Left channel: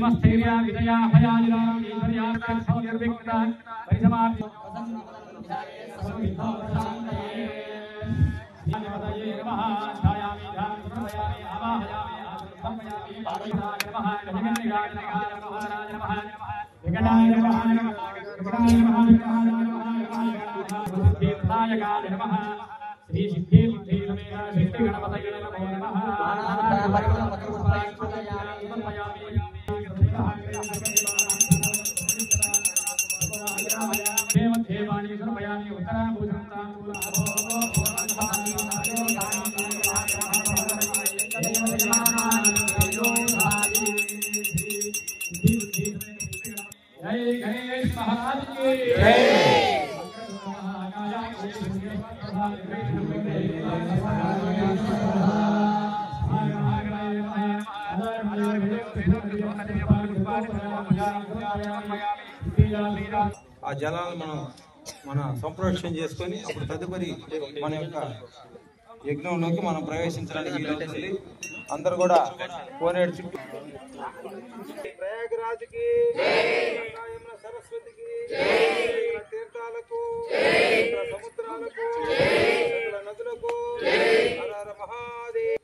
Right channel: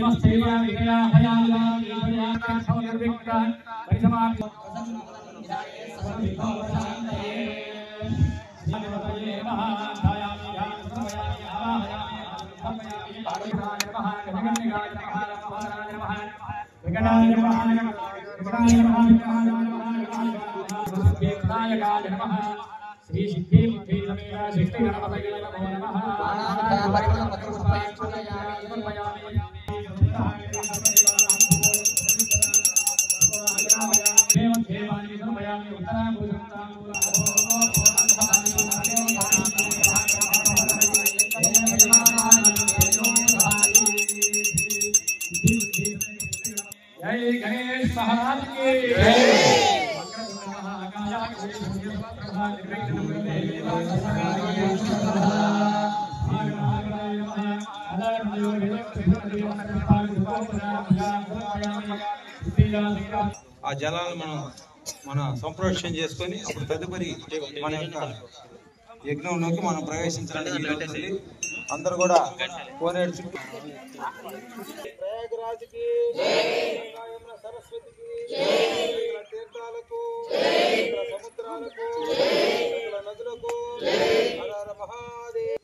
श्रीमस्थैर्या विजया हयालिवा विजया निर्विघ्न परिसमाप्ति श्री सिद्धि सिद्धि गणपतये जय गणेश महाराज की जय। ఆ జలాలను మనం సంప్రోక్షణ చేసుకొని తదుపరి మన యొక్క యజ్ఞంలోకి మనం ప్రవేశించడానికి అందరూ కూడా కోనేరు చుట్టూ ప్రయాగరాజ్కి సరస్వతికి తీర్థాలకు సముద్రాలకు నదులకు హర హర మహాదేవ్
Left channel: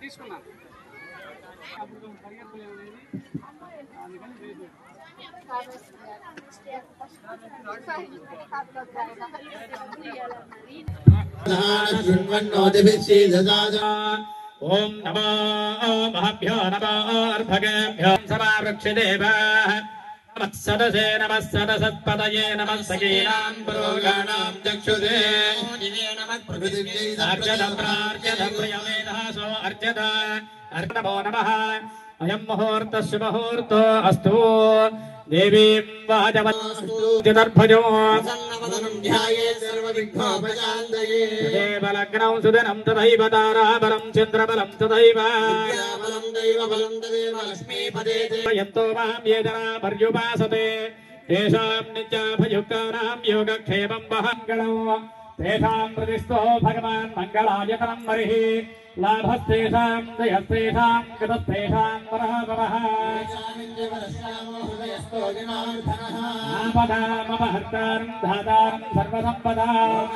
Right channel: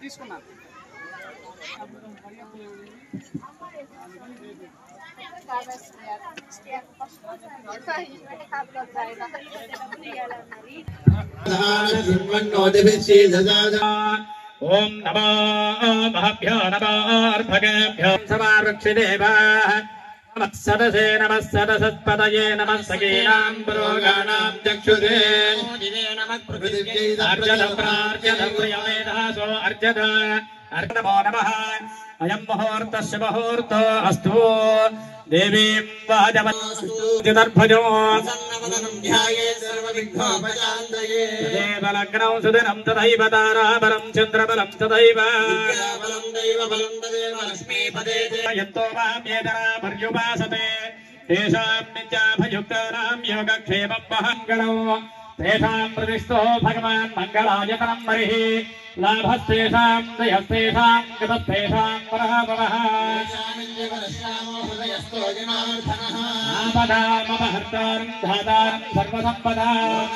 తీసుకున్నాను ఓం నమో మహాభ్యో నమోర్భగేభ్యో సమారక్షిదేవాః నమస్సదసే నమస్సదసత్పదయే నమస్సకీనాం పురోగాణాం చక్షుషే అర్జనప్రార్జనప్రియమేధాసో అర్జన నమో నమః అయం ముహూర్తః శుభముహూర్తో అస్తు దేవీం వాజవద్భజో దేవలగ్నం సుదినం తథైవ తారాబలం చంద్రబలం తథైవ యంతో మామ్యేతరా పర్యుపాసతే తేషాం నిత్యాభయుక్తానాం యోగక్షేమం మహంగళం తేషాం ప్రతిష్టో భగవాన్ మంగళాయతనం మరిః లాభస్తేషాం దయస్తేషాం గతస్తేషాం పరమః ఆపదామపహర్తారం ధాతారం సర్వసంపదాం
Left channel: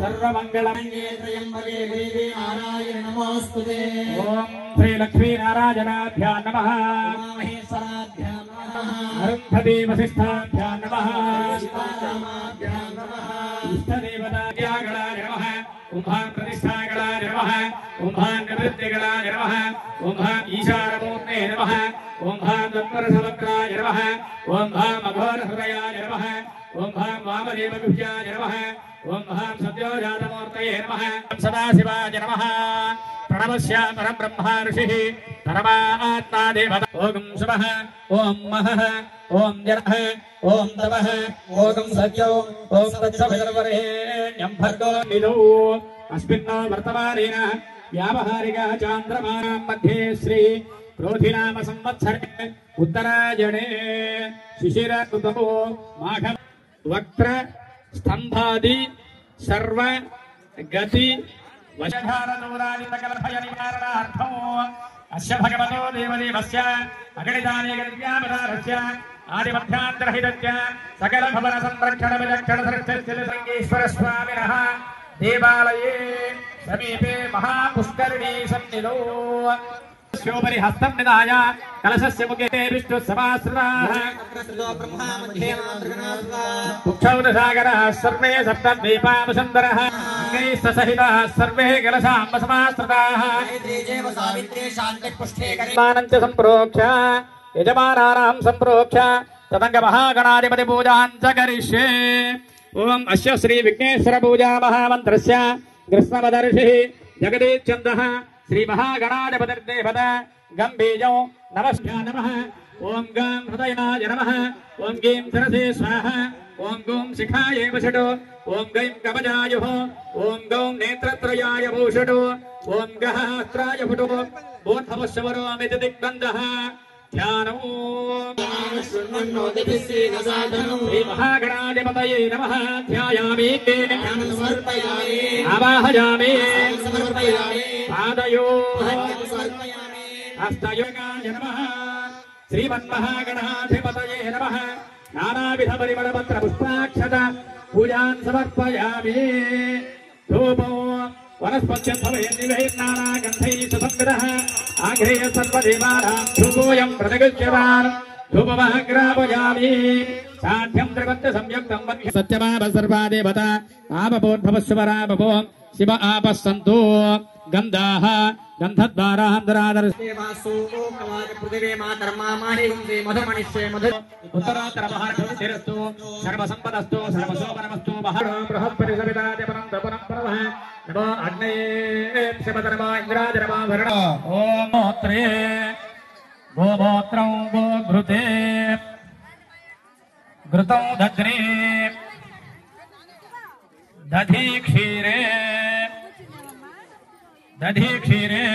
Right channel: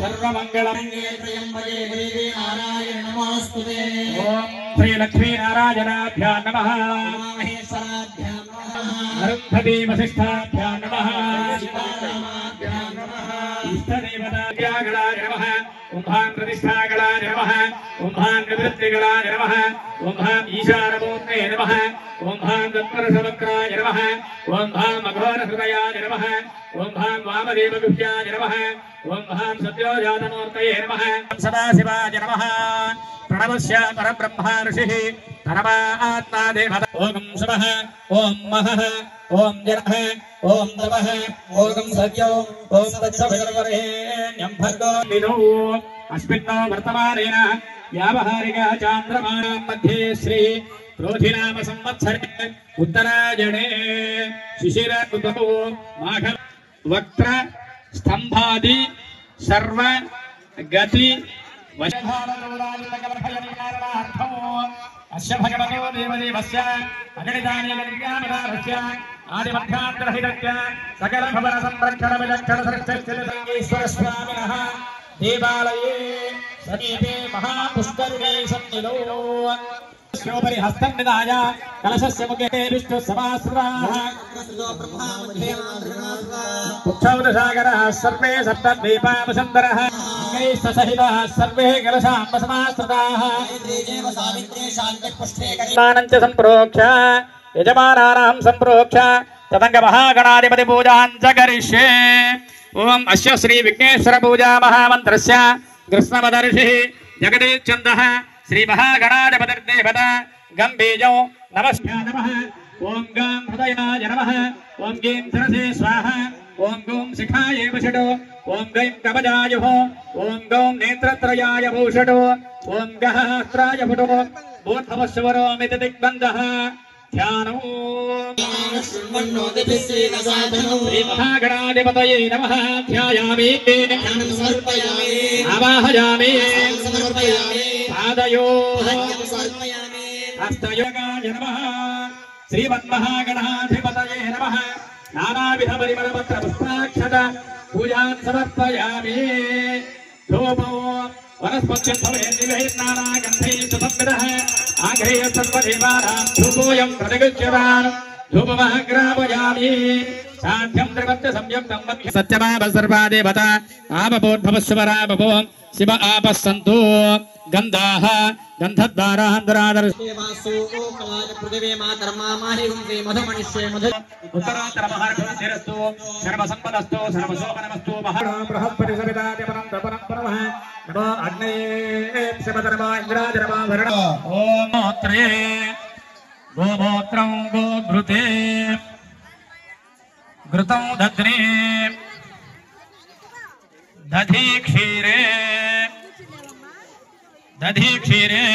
సర్వమంగళం ఓం శ్రీ లక్ష్మీనారాయణాభ్యాం నమః అరుంధతీ వసిష్ఠాభ్యాం నమః ఇష్టదేవతాగళాయ నమః ఓం ప్రతిష్ఠాగళాయ నమః ఓం నివృత్తిగళాయ నమః ఓం ఈశానమూర్తే నమః ఓం దత్తరసవక్రాయ నమః ఓం మఘోరహృదయాయ నమః ఓం వామదేవగుహ్యాయ నమః ఓం సత్యోజాతమూర్తయే నమః సదాశివాయ నమః ప్రణవస్య పరబ్రహ్మ ఋషిః పరమాత్మా దేవత ఓం శుభః ఓం మహః ఓం జనః ఓం తమః ఓం సత్యో ఓం తత్సవితుర్వరేణ్యం భర్గో నిధౌ అస్మిన్నో వర్తమానేన వ్యావహారిక చాంద్రమానం మధ్యే శ్రీ క్రోధినామ సంవత్సరే ఉత్తరాయణే శిశిర ఋతౌ మాఘ వక్త్ర స్తంభాది సర్వ గతి వశధారదూరాజితకలభయ నివారణార్థం అస్య భగవతో దేవదేవస్య అగణితాన్యగణ్యామదాభస్య ఆదిమధ్యాంతరహితస్య సకల భవన సంరక్షణ విలక్షణ సర్వశ్రేష్ఠ స్వామినః దేవాలయే సమీపే మహాపుష్కరిణీ సన్నిధౌ శోభరి హస్తం నిదాయ కలశస్య ముఖే విష్ణు సమాశ్రాః ఉక్షౌరసాగరః సర్వే సప్తద్వీపావసంతరః సహితః సర్వే కలశాంబ సమాశ్రితాః మానంచ సంప్రోక్ష యజమానానాం సంప్రోక్ష తదంగ మహాగణాధిపతి పూజాం చ కరిష్యే ఓం అస్య శ్రీ విఘ్నేశ్వర పూజా మహామంత్రస్య కృష్ణమదర్షిః జగదీశ్చందః శ్రీ మహాగణాధిపతిర్దేవత గంభీజం నమస్కార నమః ఓం గం హృదయాయ నమః ఓం గీం సరసే స్వాహ ఓం గౌం శిఖాయే వషటో ఓం గైం కవచాయ ఓం గౌం నేత్రత్రయాయ భూషటో ఓం గహస్త్రాయ ఫుటో బోధవశ్వరోమితి దిగ్బంధః ధ్యానో శ్రీ మహాగణాధిపతయే నమః ధ్యాయామి ఆవాహయామి పాదయో హస్తయోగాయ నమః శ్రీమన్మహాగణాధిపతయే నమః నానావిధ పరిమళపత్ర పుష్పాక్షత పూజాన్ సమర్పయామి ధూపో వనస్పత్యఫలే నివేహనానాగంధైః సుసంవిదః ఆఘ్రేయ సర్వదేవానాం ధూపోయం ప్రతిగృహ్యతాం ధూపమగ్రాపయామి సాధ్యం త్రివత్త సంయుక్తం సత్యమావ సర్వాదేవత ఆపపోద్భవస్వరాపో శివ ఆపస్సంతు గంధాః గంధద్వారాంతరాదర్శేవాసు ఓకలాద పృథివీ మాతర్మామాహిగుందే మధుమనిష్యే మధు ఉత్తరాత్తరమహార్ఘశిరస్తు సర్వసంపదస్తు సర్వశోభనమస్తు మహాబృహస్పతి సవితాదిపరం దపరం పరమః నమో అగ్నయే శివధర్మా ఇంద్రాధర్మా వరుణ ఓం మోత్రే గోమూత్రం గోఘృతే ఘృతం దధ్నే దధి క్షీరే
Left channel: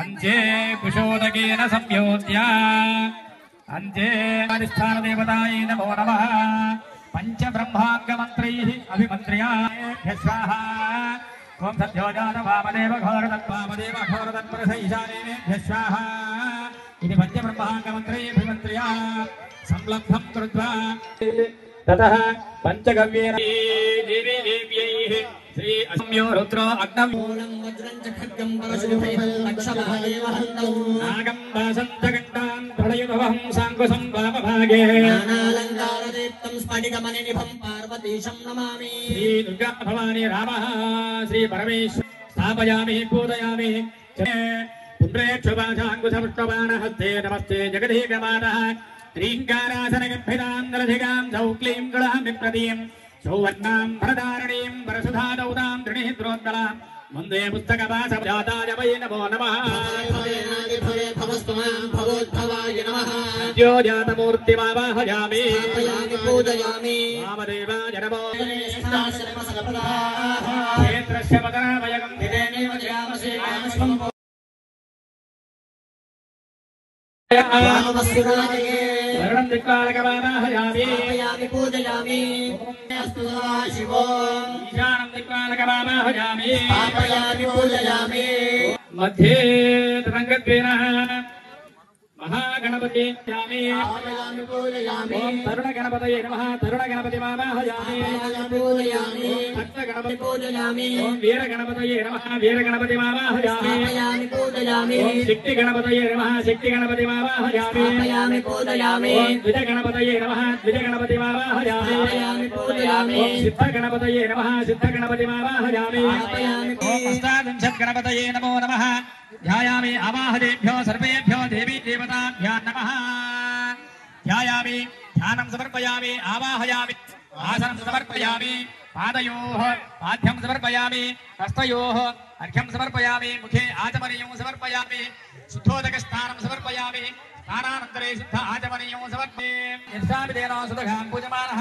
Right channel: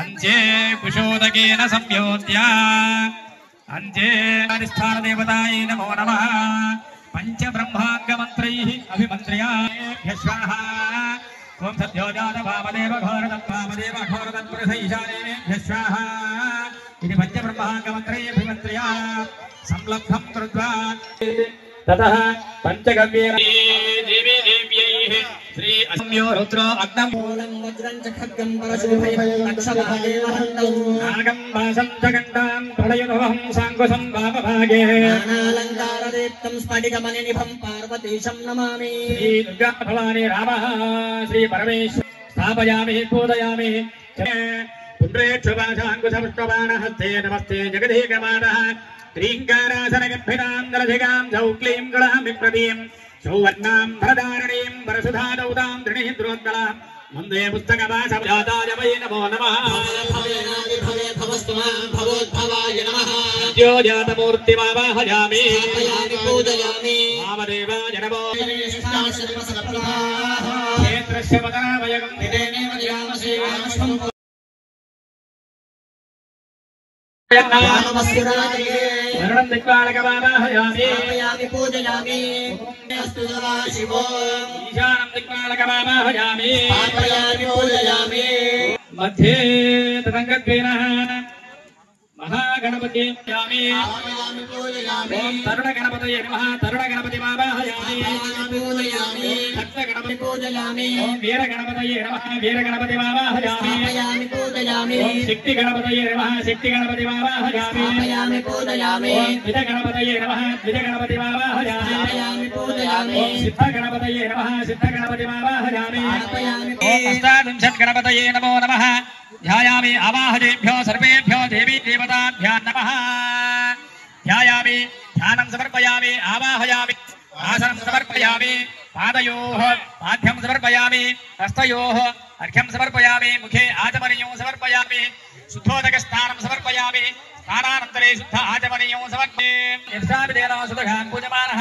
అంజే కుశోదకేన సంయోజ్య అంజే అధిష్టాన దేవతాయై నమో నమః పంచ బ్రహ్మాంగ మంత్రైః అభిమంత్ర్యాభ్యః స్వాహ ఓం సత్యోజాత వామదేవ ఘోరతత్పరసైశానేభ్యః స్వాహ ఇది పంచ బ్రహ్మాంగ మంత్రైః అభిమంత్ర్య సంలగ్నం కృత్వా తతః పంచగవ్యేన దేవీ దేవ్యైః శ్రీ అస్మ్యో రుద్ర అగ్నం వజ్రం చ ఖడ్గం కలశుభైః అక్షరాదేవహంతం నాగం వాసం చ గండాం ప్రళయభవం సాంకుశం వామభాగే నానాలంకారదీప్తం पणिगमनिनिभं पार्वतीशं नमामि श्री दुर्गा भवानी रामः श्री परमेश्वर स्थापयामि पूजयामि पुण्ड्रेक्षुभाषाङ्कुशपुष्पबाणहस्ते नमस्ते जगदीकमानः श्रीङ्कारासनगम्भीरां नरधिगां सौक्लीं गणां विप्रतीं सौवर्णां भरधारणीं परशुधादौतां दृढीन्द्रोत्कलां वन्दे पुस्तकवासजाताय वै नमो नमः भवोद्भवाय नमः ज्योजातमूर्तिमावाहयामि पूजयामि वामदेवाय नमो क्षेत्रस्य क्षेत्रस्य पदावयगं दिदेनेव जयामसे कामस्वं शरणं दिक्पालकवावाहयामि पूजयामि अस्तु शिवो ईशानं दिक्पालकवावाहयामि पूजयामि मध्ये तदङ्गत्वेनः महागणपति यामि पूजयामि तरुणगणपतये नमः तरुणगणपतिमावाहयामि पूजयामि सत्यगणपति पूजयामि वीरगणपतये नमः वीरगणपतिमावाहयामि पूजयामि शक्तिगणपतये नमः शक्तिगणपतिमावाहयामि पूजयामि द्विजगणपतये नमः द्विजगणपतिमावाहयामि पूजयामि सिद्धगणपतये नमः सिद्धगणपतिमावाहयामि अष्टादशगणपतये नमो नमः ध्यायामि आवाहयेभ्यो सर्वेभ्यो देवी देवताभ्यो नमः ध्यायामि ध्यानं समर्पयामि आवाहयामि आसनं समर्पयामि पादयोः पाद्यं समर्पयामि हस्तयोः अर्घ्यं समर्पयामि मुखे आचमनीयं समर्पयामि शुद्धोदकस्नानं समर्पयामि स्नानानन्तरे शुद्ध आचमनीयं समर्पयामि यस्याभिदेना सुदघान् पूजमानः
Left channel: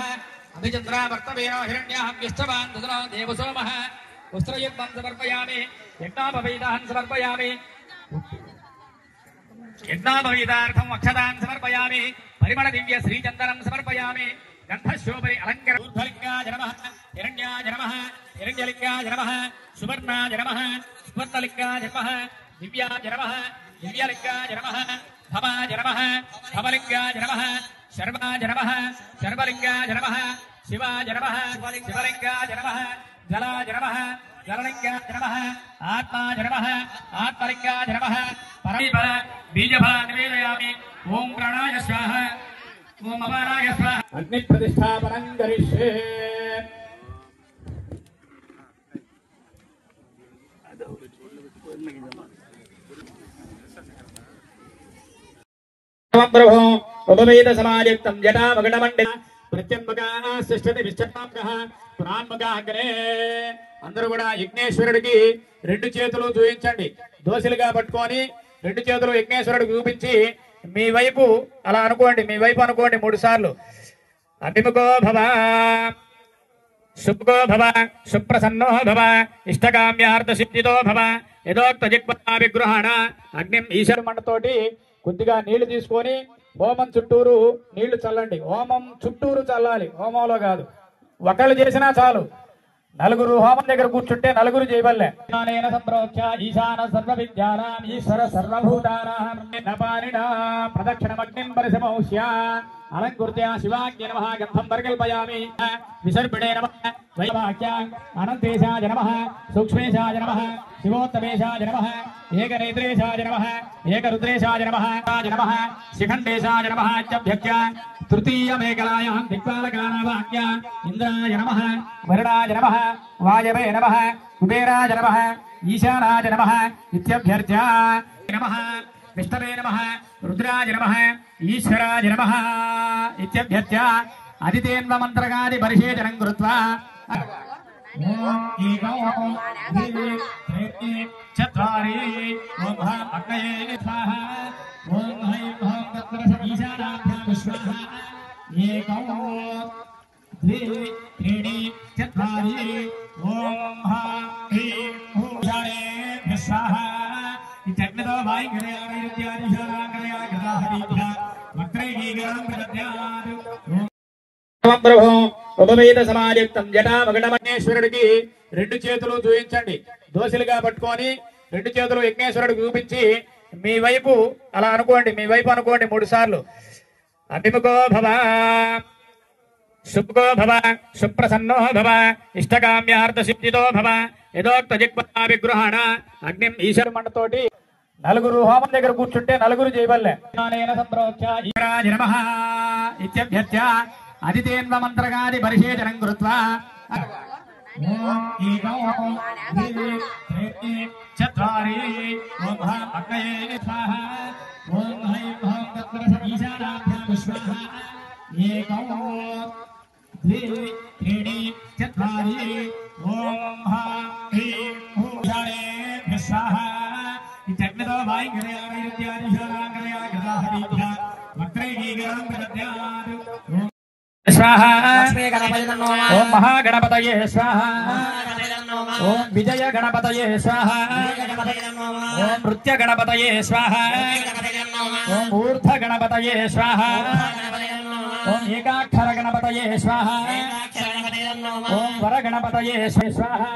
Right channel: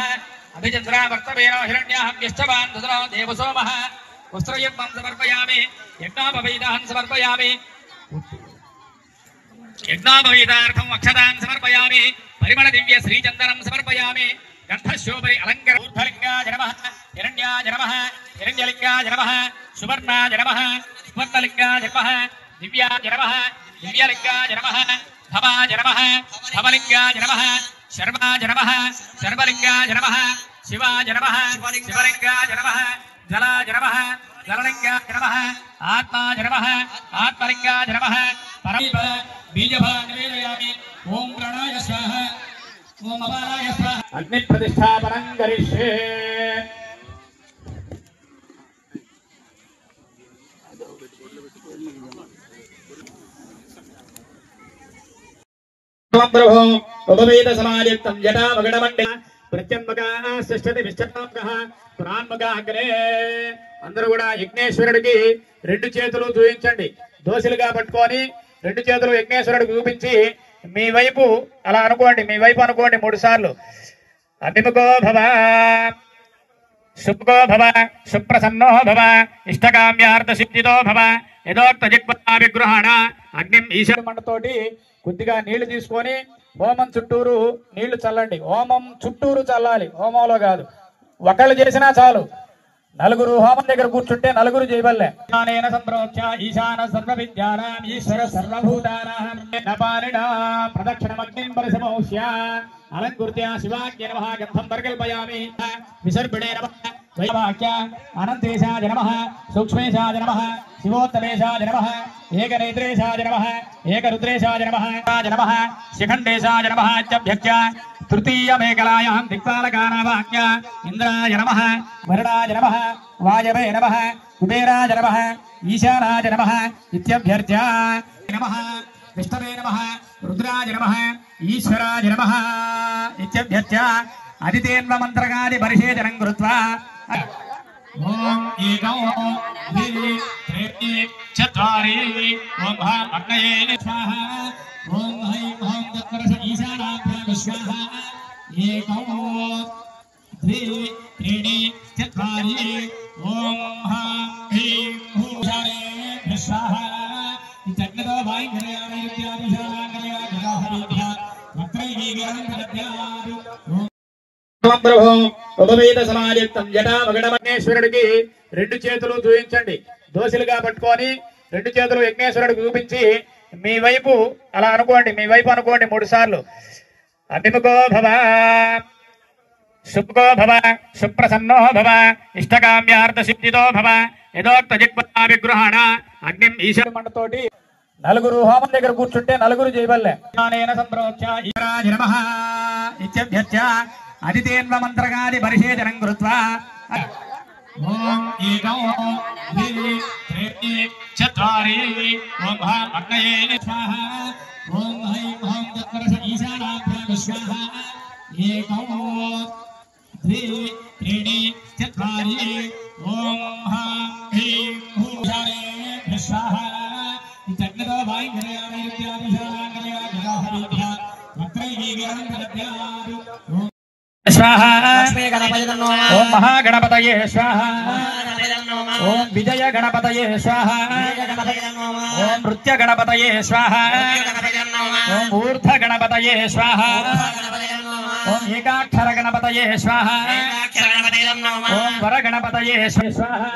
अभिचन्द्रा वर्तवेन हिरण्याहव्यश्चवान् दुसरा देवसोमः वस्त्रयज्ञं समर्पयामि यज्ञोपवीतान् समर्पयामि यज्ञोपवीतार्थम् अक्षतान् समर्पयामि परिमळ दिव्य श्रीचन्दनं समर्पयामि गन्धशोभरि अलङ्कार ऊर्ध्वलिङ्गाय नमः हिरण्याय नमः हिरण्यलिङ्गाय नमः सुवर्णाय नमः सुवर्णलिङ्गाय नमः दिव्याय नमः दिव्यलिङ्गाय नमः धवाय नमः धवलिङ्गाय नमः शर्वाय नमः शर्वलिङ्गाय नमः शिवाय नमः शिवलिङ्गाय नमः जलाय नमः जललिङ्गाय नमः आत्माय नमः आत्मलिङ्गाय नमः परमीप बीजभान् निवेदयामि ॐ प्राणाय स्वाहा ॐ अपानाय स्वाहा अग्निप्रतिष्ठापनं करिष्ये प्रभो उपवेद समायुक्तं जटा मगडमण्डे ప్రత్యంబకాశ్చతి విశ్చతాంగః పురాన్ముఖాగ్రే అందరూ కూడా యజ్ఞేశ్వరుడికి రెండు చేతులు చూపించండి దోశలుగా పట్టుకొని రెండు చేతులు యజ్ఞేశ్వరుడికి చూపించి మీ వైపు అలా అనుకోండి మీ వైపు అనుకోండి 3 సార్లు అభిముఖో భవ సుఖో భవ సుప్రసన్నో భవ ఇష్టకామ్యార్థ సిద్ధితో భవ యథోక్త జిగ్మా విగ్రహణ అగ్నిం ఈశ్వర మండతోటి కొద్దిగా నీళ్లు తీసుకొని హోమం చుట్టూరు నీళ్లు చల్లండి హోమం చుట్టూరు చల్లాలి హోమంలో కాదు ఒకళ్ళు చేసినా చాలు నలుగురు హోమం దగ్గర కూర్చుంటే నలుగురు చేయవల్లే సంప్రోక్ష ఈశాన సర్వ విద్యానాం ఈశ్వర సర్వభూతానాం ప్రదక్షిణమగ్నిం పరిసమౌష్య అలంకృత్య శివాగ్య నమః గంధం పరికల్పయామి విసర్పిణే నమః వైవాక్య అనంతేశాయ నమః సూక్ష్మేశాయ నమః శివోత్తమేశాయ నమః ఏకనేత్రేశాయ నమః ఏకరుద్రేశాయ నమః శిఖండేశాయ నమః అభ్యక్య తృతీయ మేకలాయాం దిక్పాలకానావాక్య ఇంద్రాయ నమః వరుణాయ నమః వాయవే నమః కుబేరాయ నమః ఈశానాయ నమః ఇత్యభ్యర్చ్య నమః విష్ణవే నమః రుద్రాయ నమః ఈశ్వరాయ నమః ఇత్యభ్యర్చ్య అదితేన్వ మంత్రగాది పరిశేచనం కృత్వా ఓం ఏకం ద్వి త్రీ చత్వారి ఓం భాం అగ్నయే స్వాహ ఓం హ్రీం ఓం తత్పరశ ఈశానాభ్యాం స్వాహ ఏకం ద్వి త్రీణి చత్వారి ఓం భాం హ్రీం హూషారేభ్యః స్వాహ ఇత్యగ్నతో వాయుర్యాదిశానాంగరయాగదాహరీభ్యः వక్రైగీగరం ప్రదద్యాత్ ప్రభో ఉపవేద సమాయుక్తం జటా మగడమగ్నేశ్వరుడికి రెండు చేతులు చూపించండి దోశలుగా పట్టుకొని రెండు చేతులు యజ్ఞేశ్వరుడికి చూపించి మీ వైపు అలా అనుకోండి మీ వైపు అనుకోండి 3 సార్లు అభిముఖో భవ సుఖో భవ సుప్రసన్నో భవ ఇష్టకామ్యార్థ సిద్ధితో భవ యథోక్త జిగ్మా విగ్రహణ అగ్నిం ఈశ్వర మండతోటి నలుగురు హోమం దగ్గర కూర్చుంటే నలుగురు చేయవల్లే సంప్రోక్ష ఈశ్వరాయ నమః ఇత్యభ్యర్చ్య అదితేన్వ మంత్రగాది పరిషేచనం కృత్వా ఓం ఏకం ద్వి త్రీణి చత్వారి ఓం భాం అగ్నయే స్వాహ ఓం హ్రీం ఓం తత్పురుష ఈశానాభ్యాం స్వాహ ఏకం ద్వి త్రీణి చత్వారి ఓం భాం హ్రీం భూషారే స్వాహ ఇత్యగ్నితో వాయుర్యామిత్యాదిశోరాంగలయాగదాహరీభ్యా వక్రైకీకరణం విదధ్యాదు स्वाहा ओम महागणपतये स्वाहा ओम विजय गणपतये स्वाहा ओम नृत्य गणपतये स्वाहा ओम ऊर्ध्व गणपतये स्वाहा ओम एकाक्षर गणपतये स्वाहा ओम वर गणपतये स्वाहा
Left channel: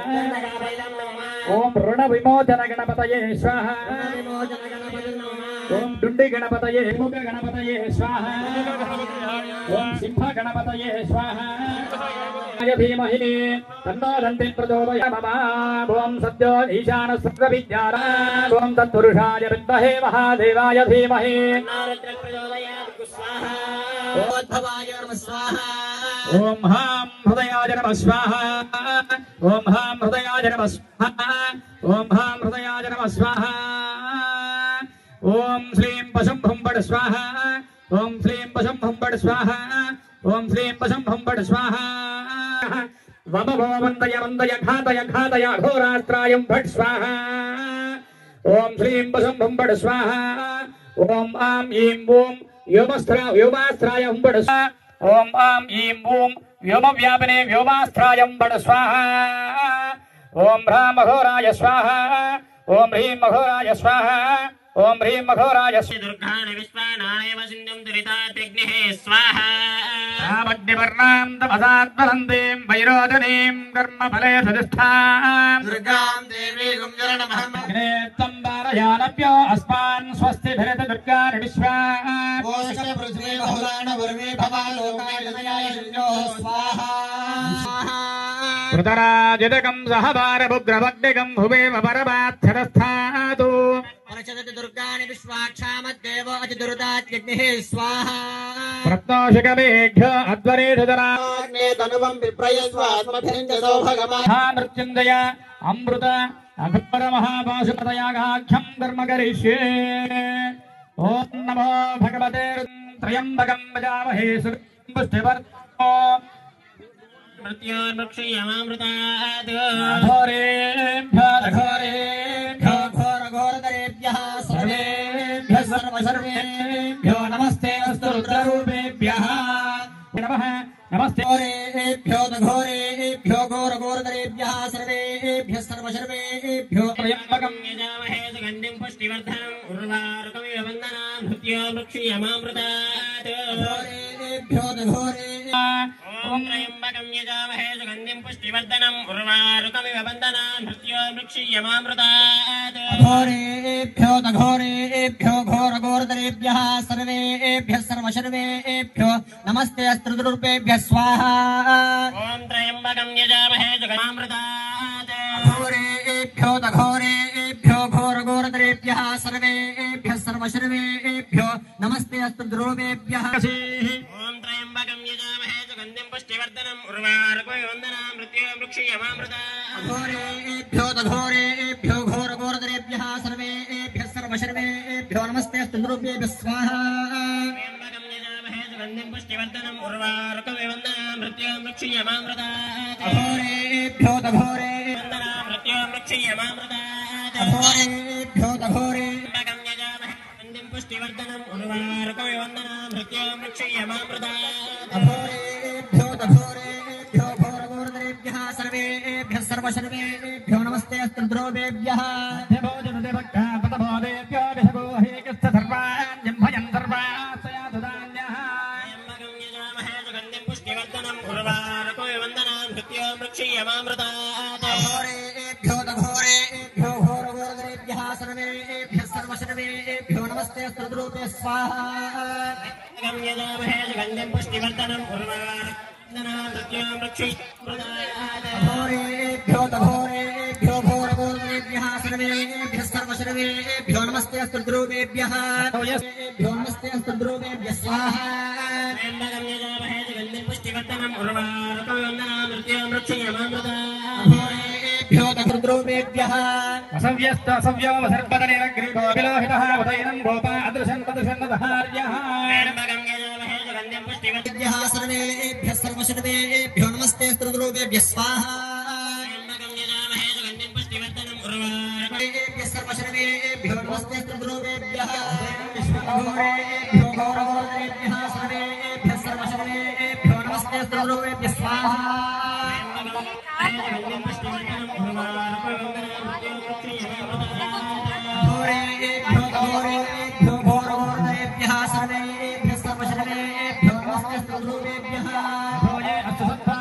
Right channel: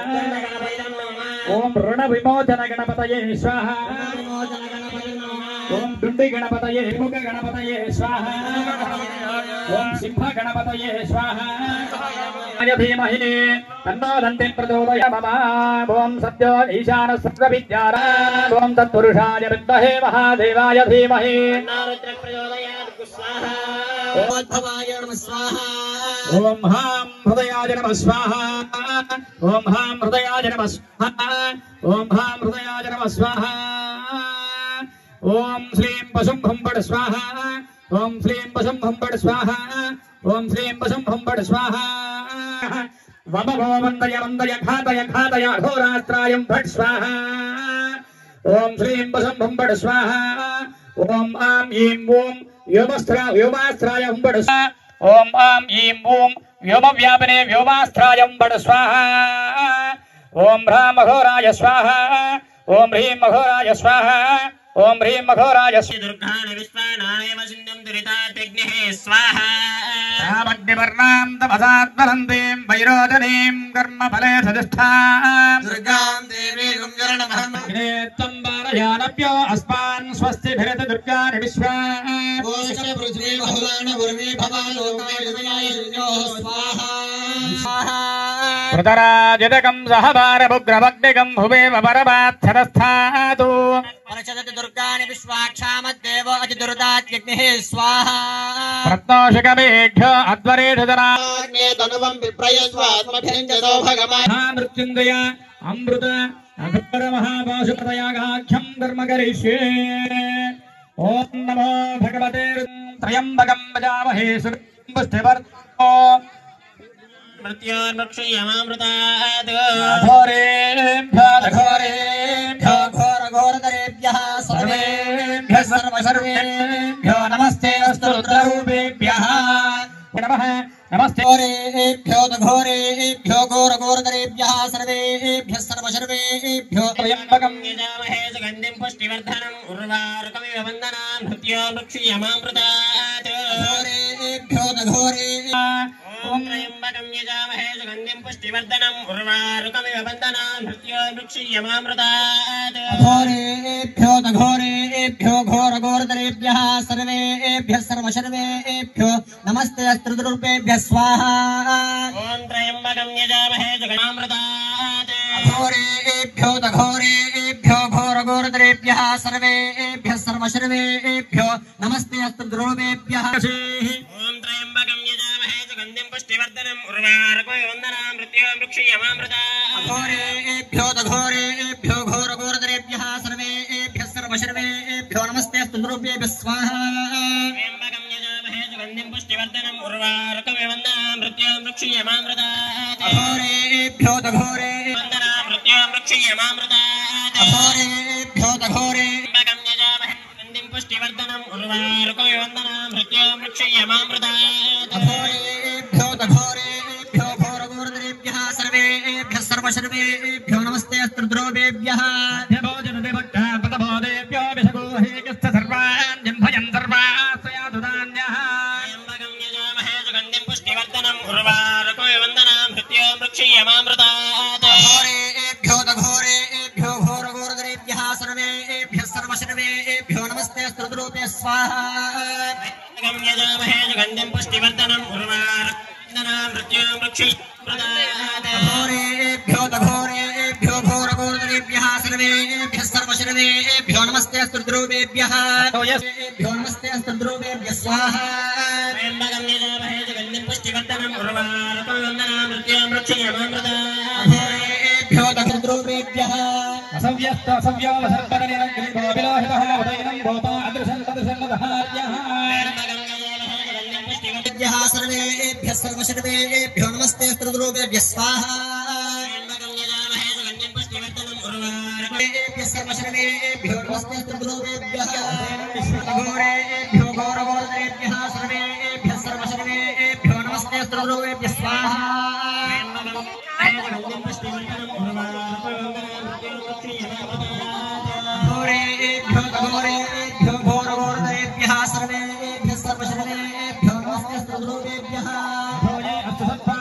ओम ऋण विमोचन गणपतये स्वाहा ओम दुंडी गणपतये मुख गणपतये स्वाहा ओम सिंह गणपतये स्वाहा धीमहि तन्नो दन्तिं प्रचोदयात् ओम सद्यो ईशान सर्वविद्यारा ओम तत्पुरुषाय विद्महे महादेवाय धीमहि ओम हां हृदयाय नमः स्वाहा ओम हां हृदयाय नमः स्वाहा ओम हां हृदयाय नमः स्वाहा ओम श्रीं पशुं भुंबड स्वाहा ओम श्रीं पशुं भुंबड स्वाहा ओम श्रीं पशुं भुंबड स्वाहा वमभो वंदय वंदय घातय घातय अघोरास्त्रायं भट स्वाहा ओम श्रीं पशुं भुंबड स्वाहा ओम आं ईं ओम व्योमास्त्राय हुंबड स्वाहा ओम आं ईं ओम व्योमव्यापिने व्योमास्त्राय हुंबड स्वाहा ओम ह्रां अघोराय स्वाहा ओम ह्रीं अघोराय स्वाहा ओम ह्रीं अघोराय दुर्गाणि विश्वानायव सिन्धुं दुरिताग्निः स्वाहा रामग्निवर्णां तपसात्मनन्दीं वैरोचनीं कर्मफले सदिष्ठां दुर्गां देवीं जरणमहम् त्वं बालयानभ्यो अस्मान् स्वस्तिभिरत दुर्गाणि विश्वा कोश पृथ्वी बहुलान वर्मे भवालोकाय जनाय स्वाहा कृतराजदकं सहभारभुग्रवग्निकं हुवेव परमार्थरस्थातु अर्चत दुर्गाणि विश्वाक्षामद्देव अतिदुर्दात्यग्निः स्वाहा रत्नोषिकमेघ्यो अध्वरेषुधरा तनुवं विप्रयस्वात्मभिञ्जतो भगवान् मृत्युञ्जय अमृत अघोर महापाशुपतयागाख्यं कर्म करिष्ये ॐ नमो भगवते त्र्यम्बकं भजामहे सुपुष्टिवर्धो मृत्योर्मुक्षयमामृतात् घोरेभ्यो घोरघोरतरेभ्यः सर्वेभ्यः सर्वेभ्यो नमस्ते अस्तु रुद्ररूपेभ्यः नमः नमस्ते घोरेभ्यो घोरेभ्यो घोरघोरतरेभ्यः सर्वेभ्यः सर्वसर्वेभ्यो त्र्यम्बकं यजामहे सुगन्धिं पुष्टिवर्धनम् उर्वारुकमिव वन्दनान् मृत्योर्मुक्षयमामृतात् घोरेभ्यो घोरेभ्यो ॐ त्र्यम्बकं यजामहे सुगन्धिं पुष्टिवर्धनम् उर्वारुकमिव वन्दनान् मृत्योर्मुक्षयमामृतात् घोरेभ्यो घोरेभ्यो घोरघोरतरेभ्यः सर्वेभ्यः सर्वसर्वेभ्यो नमस्ते अस्त्रुरूपेभ्यः स्वाहा ॐ त्र्यम्बकं यजामहे सुगन्धिमामृतात् घोरेभ्यो घोरेभ्यो घोरघोरतरेभ्यः सर्वेभ्यः सर्वसर्वेभ्यो नमस्ते अस्त्रुरूपेभ्यः ॐ त्र्यम्बकं यजामहे सुगन्धिं पुष्टिवर्धनम् उर्वारुकमिव वन्दनान् मृत्योर्मुक्षयमामृतात् घोरेभ्यो घोरेभ्यो घोरघोरतरेभ्यः सर्वेभ्यः सर्वसर्वेभ्यो नमस्ते अस्त्रुरूपेभ्यः स्वाहा त्र्यम्बकं यजामहे सुगन्धिं पुष्टिवर्धनम् उर्वारुकमिव वन्दनान् मृत्योर्मुक्षयमामृतात् घोरेभ्यो घोरेभ्यो वन्दनान् मृत्योर्मुक्षयमामृतात् घोरेभ्यो घोरेभ्यं यजामहे सुगन्धिं पुष्टिवर्धनम् उर्वारुकमिव वन्दनान् मृत्योर्मुक्षयमामृतात् घोरेभ्यो घोरेभ्यो घोरघोरतरेभ्यः सर्वेभ्यः सर्वसर्वेभ्यो नमस्ते अस्त्रुद्रोपेभ्यः पतबोधेभ्यो विषगोहेकस्थ सर्वान् जिह्वयन् सर्वाश्रयाधुधान्यः त्र्यम्बकं यजामहे सुगन्धिं पुष्टिवर्धनम् उर्वारुकमिव वन्दनान् मृत्योर्मुक्षयमामृतात् घोरेभ्यो घोरेभ्यो घोरघोरतरेभ्यः सर्वेभ्यः सर्वसर्वेभ्यो नमस्ते अस्त्रुद्रोपे स्वाहा त्र्यम्बकं यजामहे सुगन्धिं पुष्टिवर्धनम् उर्वारुकमिव मृत्योर्मुक्षयमामृतात् घोरेभ्यो घोरेभ्यो घोरघोरतरेभ्यः सर्वेभ्यः सर्वसर्वेभ्यो नमस्ते अस्त्रुद्रोपेभ्यः नमस्ते अस्त्रुद्रोपेभ्यः स्वाहा त्र्यम्बकं यजामहे सुगन्धिं पुष्टिवर्धनम् पुष्टिवर्धनम् उर्वारुकविवन्दनां मृत्युं रक्षयमामृताभ्यो तद्रूपेभ्यः असव्यवसर्पदनिरग्रीतो विलोहितः उदयनं गोपा अदृशं तदृशं दधार्यः पुष्टिवर्धनभ्यः सर्वेभ्यः सर्वशर्वेभ्यो नमस्ते तद्रूपेभ्यः स्वाहा सर्वशर्वेभ्यो नमस्ते तद्रूपेभ्यः घोरेभ्यो घोरघोरेभ्यः सर्वेभ्यः सर्वशर्वेभ्यो नमस्ते तद्रूपेभ्यः स्वाहा घोरेभ्यो घोरेभ्यो घोरघोरेभ्यः सर्वेभ्यः सर्वशर्वेभ्यो नमस्ते तद्रूपेभ्यः नमस्ते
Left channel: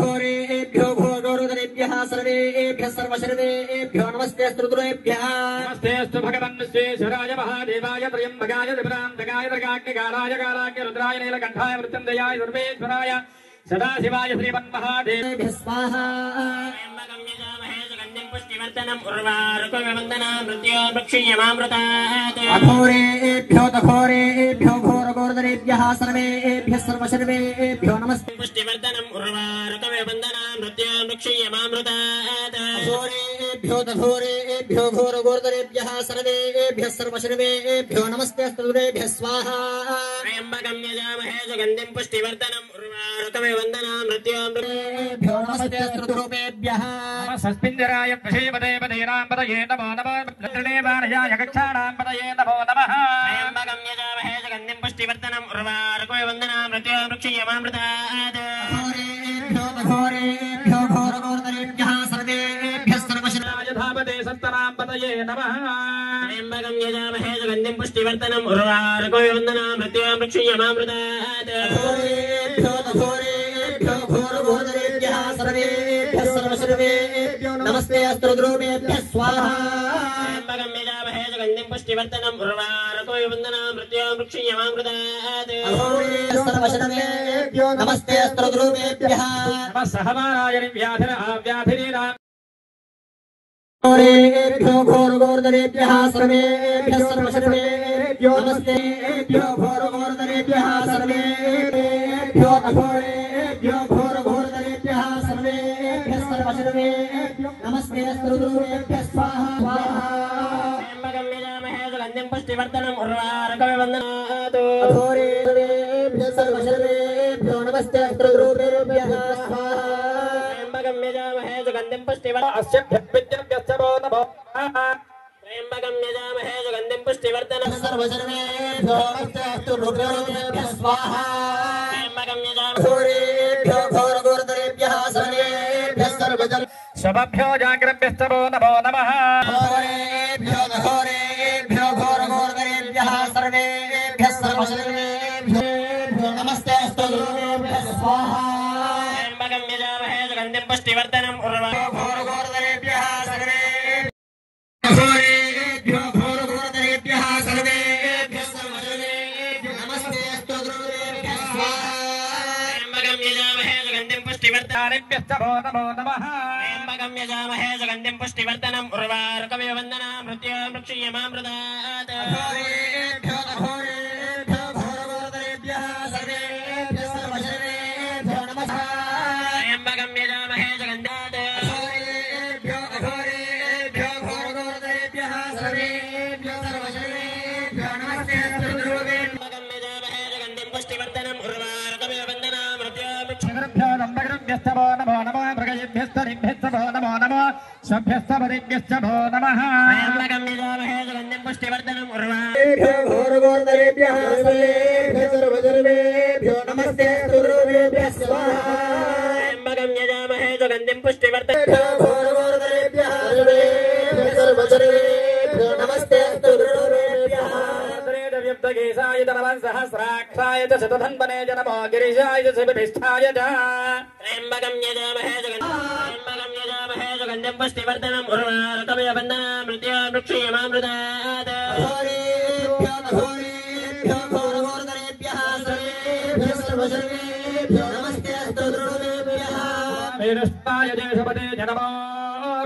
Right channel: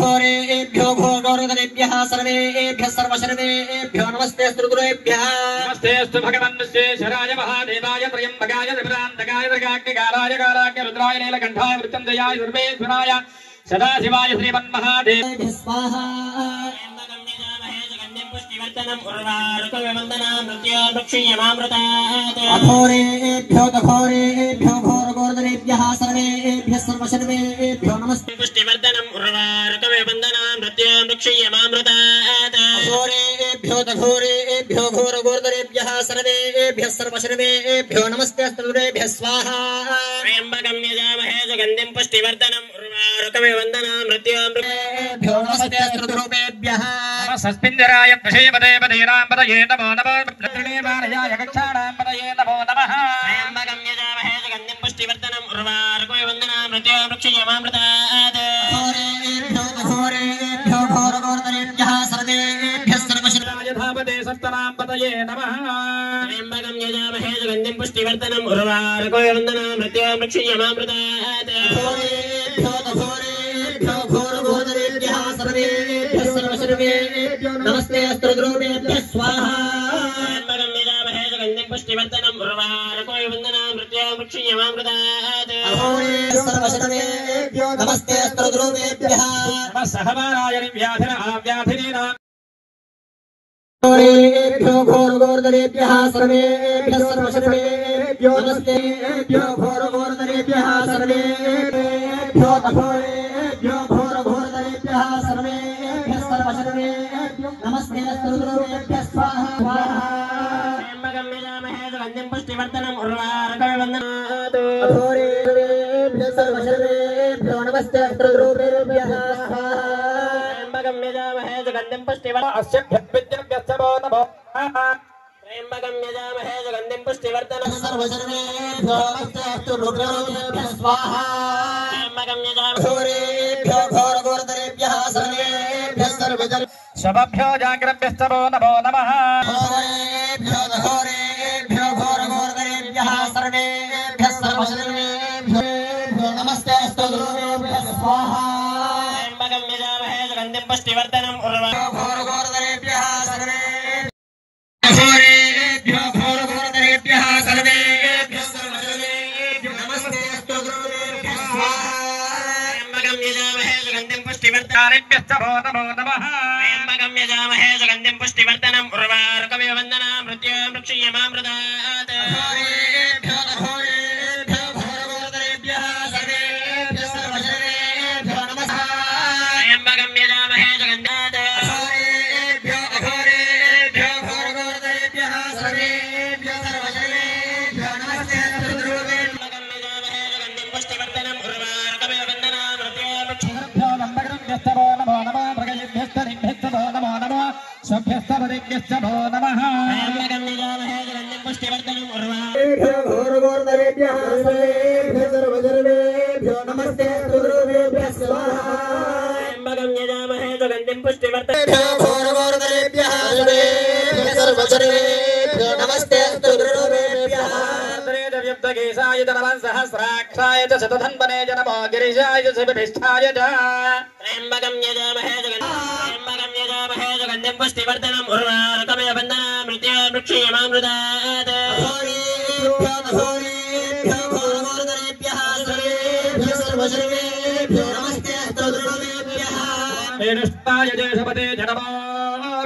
घोरेभ्यो घोरघोरेभ्यः सर्वेभ्यः सर्वशर्वेभ्यो नमस्ते स्तुतिभ्यः नमस्तेऽस्तु भगवन् विश्वेश्वराय महादेवाय त्र्यम्बकाय त्रिपुरान्तकाय त्रिकाग्निकालाय कालाग्नि रुद्राय नीलकण्ठाय मृत्युञ्जयाय सर्वेश्वराय सदाशिवाय श्रीमन्महादेवाय स्वाहा घोरेभ्यो घोरेभ्यो घोरघोरेभ्यः सर्वेभ्यः सर्वशर्वेभ्यो नमस्ते पुष्टिवर्धनम् उर्वारुकविवन्दनां मृत्युं रक्षयमामृतात् घोरेभ्यो घोरेभ्यो घोरघोरेभ्यः सर्वेभ्यः सर्वशर्वेभ्यो नमस्ते स्तुतेभ्यः स्वाहा त्र्यम्बकं यजामहे सुगन्धिं पुष्टिवर्धनम् उर्वारुकविवन्दनां मृत्युं रक्षयमामृतात् नमस्ते स्तुतेभ्यः सस्मिन्द्राय पशेपदे पदेनां पदये नमो नमः प्रदेवालयाय गच्छाणां पदये नमो नमः त्र्यम्बकं यजामहे सुगन्धिं पुष्टिवर्धनम् उर्वारुकविवन्दनां मृत्युं रक्षयमामृतात् घोरेभ्यो घोरघोरेभ्यः सर्वेभ्यः सर्वशर्वाय भावते सप्तनां पदये नमः त्र्यम्बकं यजामहे सुगन्धिं पुष्टिवर्धनम् उर्वारुकविवन्दनां मृत्युं रक्षयमामृतात् घोरेभ्यो घोरेभ्यो घोरघोरेभ्यः सर्वेभ्यः सर्वशर्वेभ्यो नमस्ते स्तुतिभ्यः स्वाहा त्र्यम्बकं यजामहे सुगन्धिं पुष्टिवर्धनम् उर्वारुकविवन्दनां मृत्युं रक्षयमामृतात् सर्वशर्वेभ्यो नमस्ते स्तुतिभ्यः नमः सहमानाय व्याधिना घोरेभ्यो घोरघोरेभ्यः सर्वेभ्यः सर्वशर्वेभ्यो नमस्तेभ्यो घोरघोरेभ्यः सर्वेभ्यो घोरेभ्यो घोरघोरेभ्यः सर्वेभ्यः सर्वशर्वेभ्यो नमस्ते स्तुतिभ्यः स्वाहा त्र्यम्बकं यजामहे सुगन्धिं पुष्टिवर्धनम् उर्वारुकविवन्दनात् घोरेभ्यः सर्वशर्वेभ्यो नमस्ते स्तुतिभ्यः स्वाहा त्र्यम्बकं यजामहे सुगन्धिं पुष्टिवर्धनम् त्र्यम्बकं यजामहे सुगन्धिं पुष्टिवर्धनम् सर्वशर्वेभ्यो नमस्ते स्तुतिभ्यः स्वाहा त्र्यम्बकं यजामहे घोरेभ्यो घोरघोरेभ्यः सर्वेभ्यः सर्वशर्वेभ्यो शवभ्यो जाग्रभ्यस्तमो नमो नमः घोरेभ्यो घोरेभ्यो घोरघोरेभ्यः सर्वेभ्यः सर्वशर्वेभ्यो नमस्ते स्तुतिभ्यः स्वाहा त्र्यम्बकं यजामहे सुगन्धिं पुष्टिवर्धनम् उर्वारुकविवन्दनां घोरेभ्यो घोरघोरेभ्यः सर्वेभ्यः सर्वशर्वेभ्यो नमस्ते स्तुतिभ्यः स्वाहा त्र्यम्बकं यजामहे सुगन्धिं पुष्टिवर्धनम् नमो नमः त्र्यम्बकं यजामहे सुगन्धिं पुष्टिवर्धनम् उर्वारुकविवन्दनां मृत्युं रक्षयमामृतात् घोरेभ्यो घोरेभ्यो घोरघोरेभ्यः सर्वेभ्यः सर्वशर्वेभ्यो नमः त्र्यम्बकं यजामहे सुगन्धात् घोरेभ्यो घोरेभ्यो घोरघोरेभ्यः सर्वेभ्यः सर्वशर्वेभ्यो नमस्ते स्तुतिभ्यः त्र्यम्बकं यजामहे सुगन्धिं पुष्टिवर्धनम् उर्वारुकविवन्दनां सर्वेभ्यस्तपतिभ्यश्च भो नमः त्र्यम्बकं यजामहे सुगन्धिं पुष्टिवर्धनम् घोरघोरतरेभ्यः सर्वेभ्यः सर्वजनेभ्यो नमस्ते सर्वेभ्यः स्वाहा त्र्यम्बकं यजामहे सुगन्धिं पुष्टिवर्धनम् घोरघोरतरेभ्यः सर्वजनेभ्यो नमस्ते सर्वेभ्यः युद्धकेशाय च नमः सहस्राक्षाय च शतधन्वने च नमो गिरिशाय च शिवभिष्ठाय च त्र्यम्बकं यजामहे सुगन्धिं पुष्टिवर्धनम् उर्वारुकमिव बन्धनान् मृत्योर्मुक्षीयमामृतात् वेणुष्टाय देशपते च नमो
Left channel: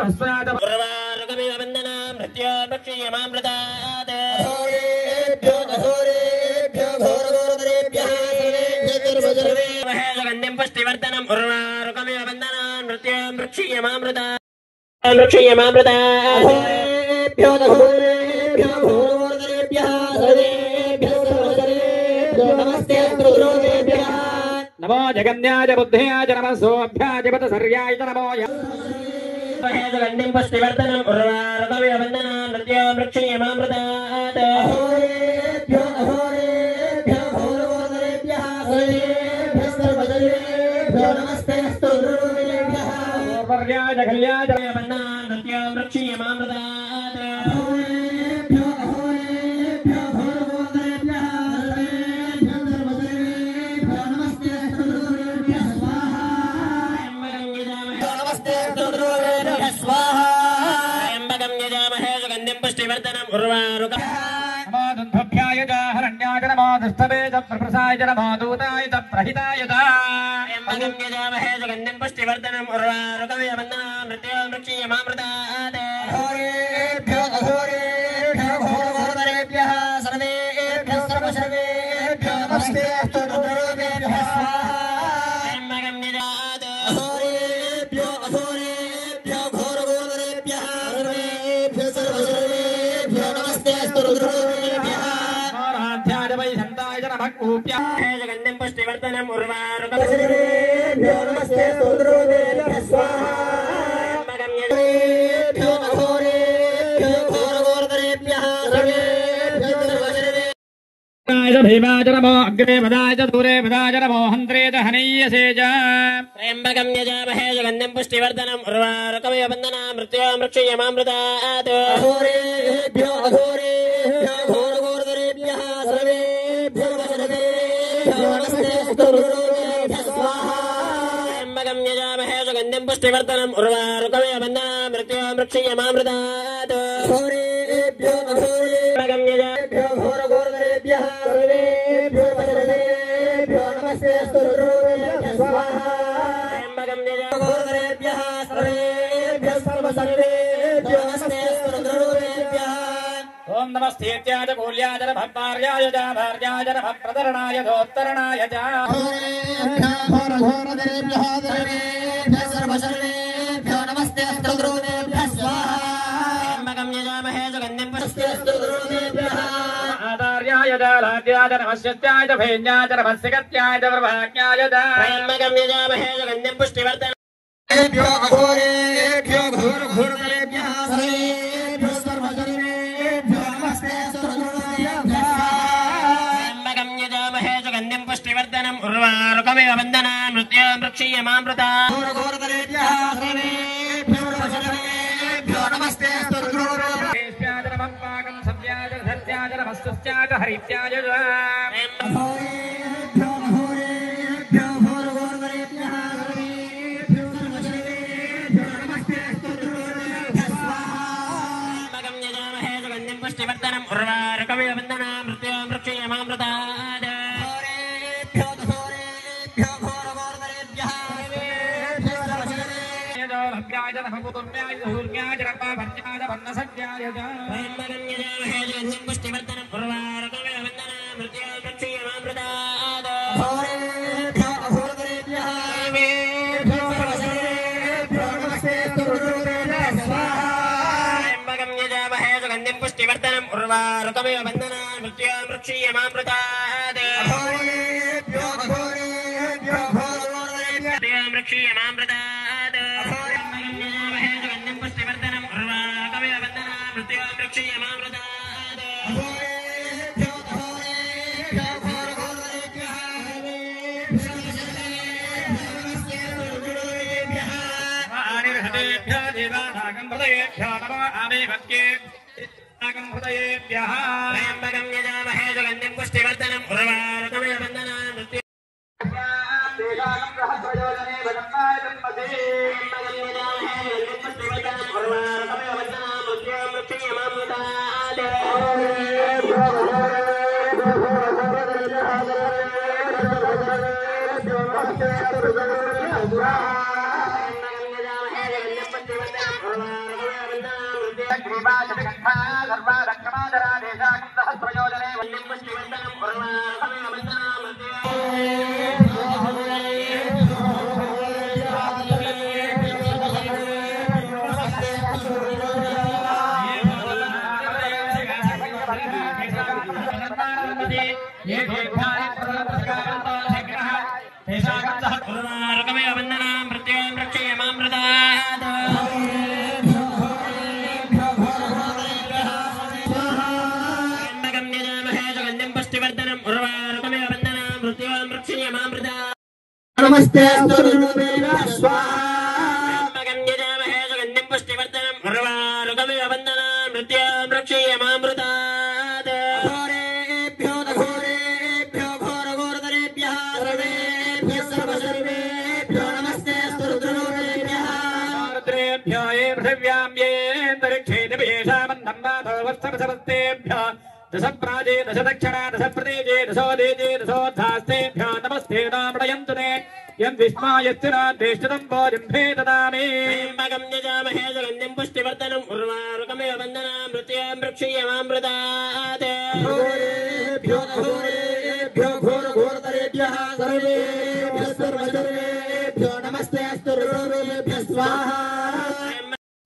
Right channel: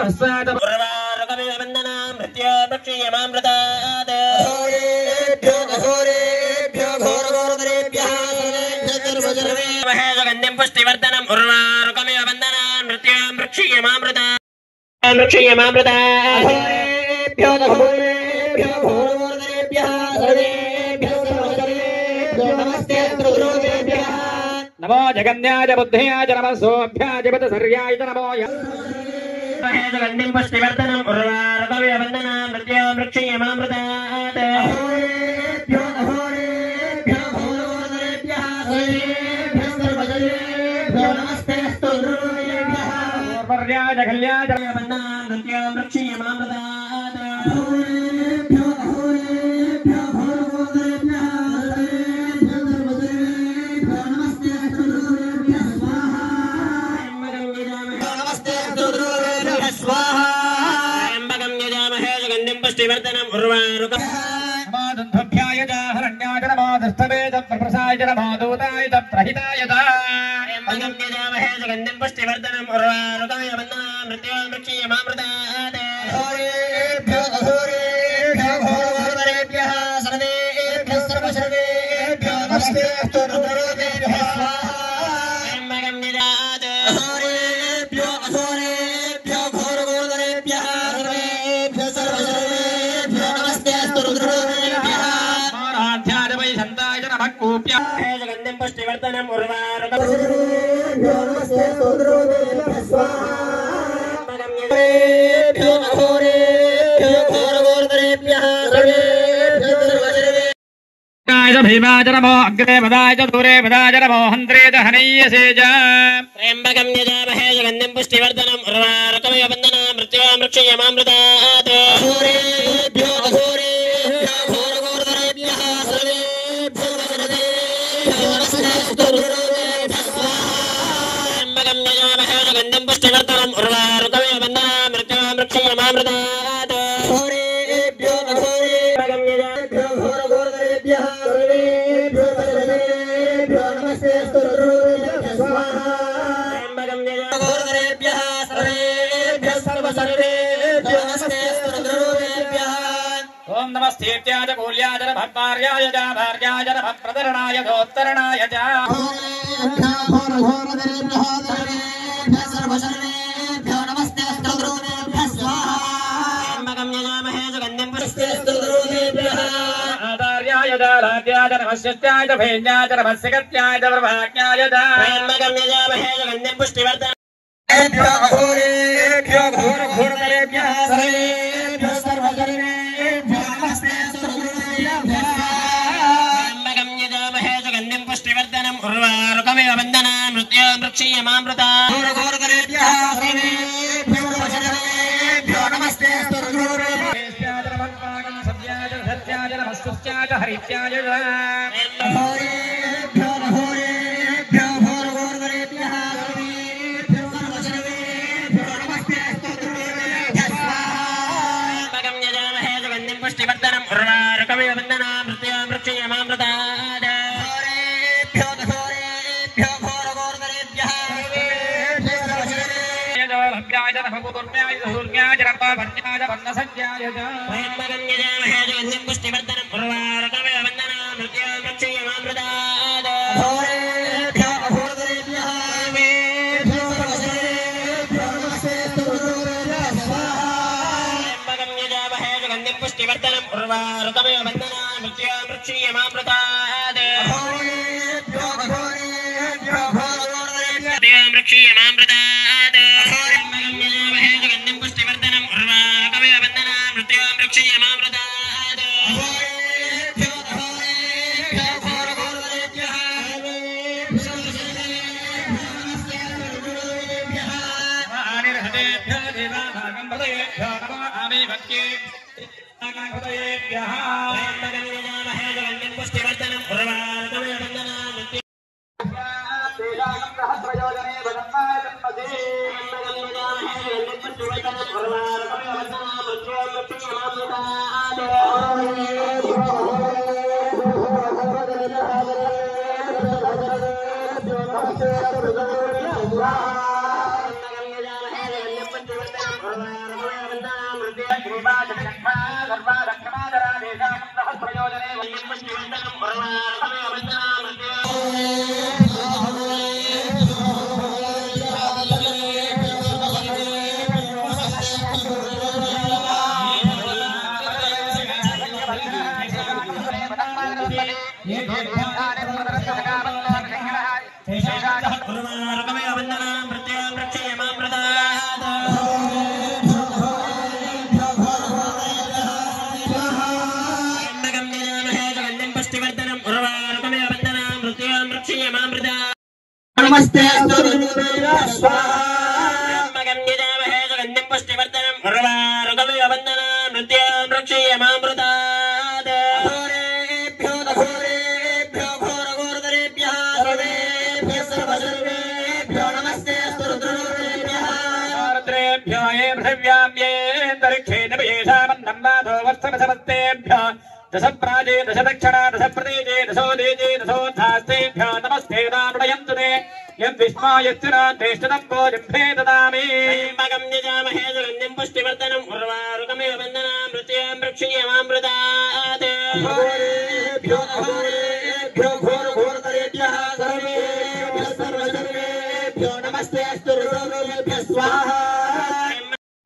रस्साय उर्वारुकमिव बन्धनान् मृत्योर्मुक्षीयमामृतात् सुगन्धिं पुष्टिवर्धनम् उर्वारुकमिव बन्धनान् मृत्योर्मुक्षीयमामृतात् नमो जगन्याय बुद्ध्याय च नमः सोऽभ्याय सर्याय च नमो सुगन्धिं पुष्टिवर्धनम् उर्वारुकमिव बन्धनान् मृत्योर्मुक्षीयमामृतात् पर्याय कल्याय बन्धनान् मृत्योर्मुक्षीयमामृतात् पुष्टिवर्धनम् उर्वारुकभ्याय च हरण्याय च नमो दृष्टवे च प्रप्रसाय च नमो दूताय च प्रहिताय च यजामहे सुगन्धिं पुष्टिवर्धनम् उर्वारुकमिव बन्धनान् मृत्योर्मुक्षीयमामृतात् घोरघोरतरेभ्यः सर्वेभ्यः सर्वेभ्यो नमस्ते सर्वेभ्यः स्वाहा त्र्यम्बकं यजामहे घोरघोरतरेभ्यः सर्वेभ्यो नमस्ते आराध्याय वै सन्ताय च नमः कूप्याय सुगन्धिं पुष्टिवर्धनम् उर्वारुकम् नमस्ते सर्वेभ्यः स्वाहा भीमाय च नमो अग्रे पदाय च दूरे पदाय च नमो हन्त्रे च हनय्यसे च त्र्यम्बकं यजामहे सुगन्धिं पुष्टिवर्धनम् उर्वारुकमिव बन्धनान् मृत्योर्मुक्षीयमामृतात् घोरघोरतरेभ्यः सर्वेभ्यो त्र्यम्बकं यजामहे सुगन्धिं पुष्टिवर्धनम् उर्वारुकमिव बन्धनान् मृत्योर्मुक्षीयमामृतात् ओम नमस्तेत्याय च कूल्याय च भक्तार्याय च भार्याय च भक्प्रदरणाय गोत्तरणाय च त्र्यम्बकं यजामहे सुगन्धिं आदार्याय च लाड्याय च नमस्यत्याय च भैन्याय च नमस्यगत्याय च प्रभाक्याय च त्र्यम्बकं यजामहे सुगन्धिं पुष्टिवर्धनम् घोरघोरतरेभ्यः सर्वेभ्यः सर्वजनेभ्यो नमस्ते त्र्यम्बकं यजामहे सुगन्धिं पुष्टिवर्धनम् उर्वारुकमिव बन्धनान् मृत्योर्मुक्षीयमामृतात् घोरघोरतरेभ्यः सर्वेभ्यो सर्वजनेभ्यो नमस्ते केश्याय च नमः पाकं सत्याय च सत्याय च नमस्तुत्याय च हरित्याय च त्र्यम्बकं यजामहे सुगन्धिं पुष्टिवर्धनम् उर्वारुकमिव बन्धनान् मृत्योर्मुक्षीयमामृतात् भव्याय च नमः पूर्ण्याय च सूर्याय च रक्तभर्त्याय च वर्णसज्जाय च त्र्यम्बकं यजामहे सुगन्धिं पुष्टिवर्धनम् उर्वारुकमिव बन्धनान् मृत्योर्मुक्षीयमामृतात् त्र्यम्बकं यजामहे सुगन्धिं पुष्टिवर्धनम् उर्वारुकमिव बन्धनान् मृत्योर्मुक्षीयमामृतात् मृत्योर्मुक्षीयमामृतात् त्र्यम्बकं यजामहे सुगन्धिं पुष्टिवर्धनम् हृदयेभ्यः त्र्यम्बकं यजामहे सुगन्धिं पुष्टिवर्धनं उर्वारुकमिव बन्धनान् मृत्युं नमस्ते दश प्राजे दश दक्षिणा दश प्रदेजे दशो देजे दशोद्धास्तेभ्यो नमस्ते नानुडयन्तु ते यद्विस्मायत्युना द्वेष्टदम्बो जिह्वे ददामि त्र्यम्बकं यजामहे सुगन्धिं पुष्टिवर्धनं उर्वारुकमिव बन्धनान् मृत्युं रक्षेयमामृतात् घोरेभ्यो घोरेभ्यो घोरघोरतरेभ्यः सर्वेभ्यः सर्वसर्वेभ्यो नमस्ते अस्तु सर्वेभ्यः स्वाहा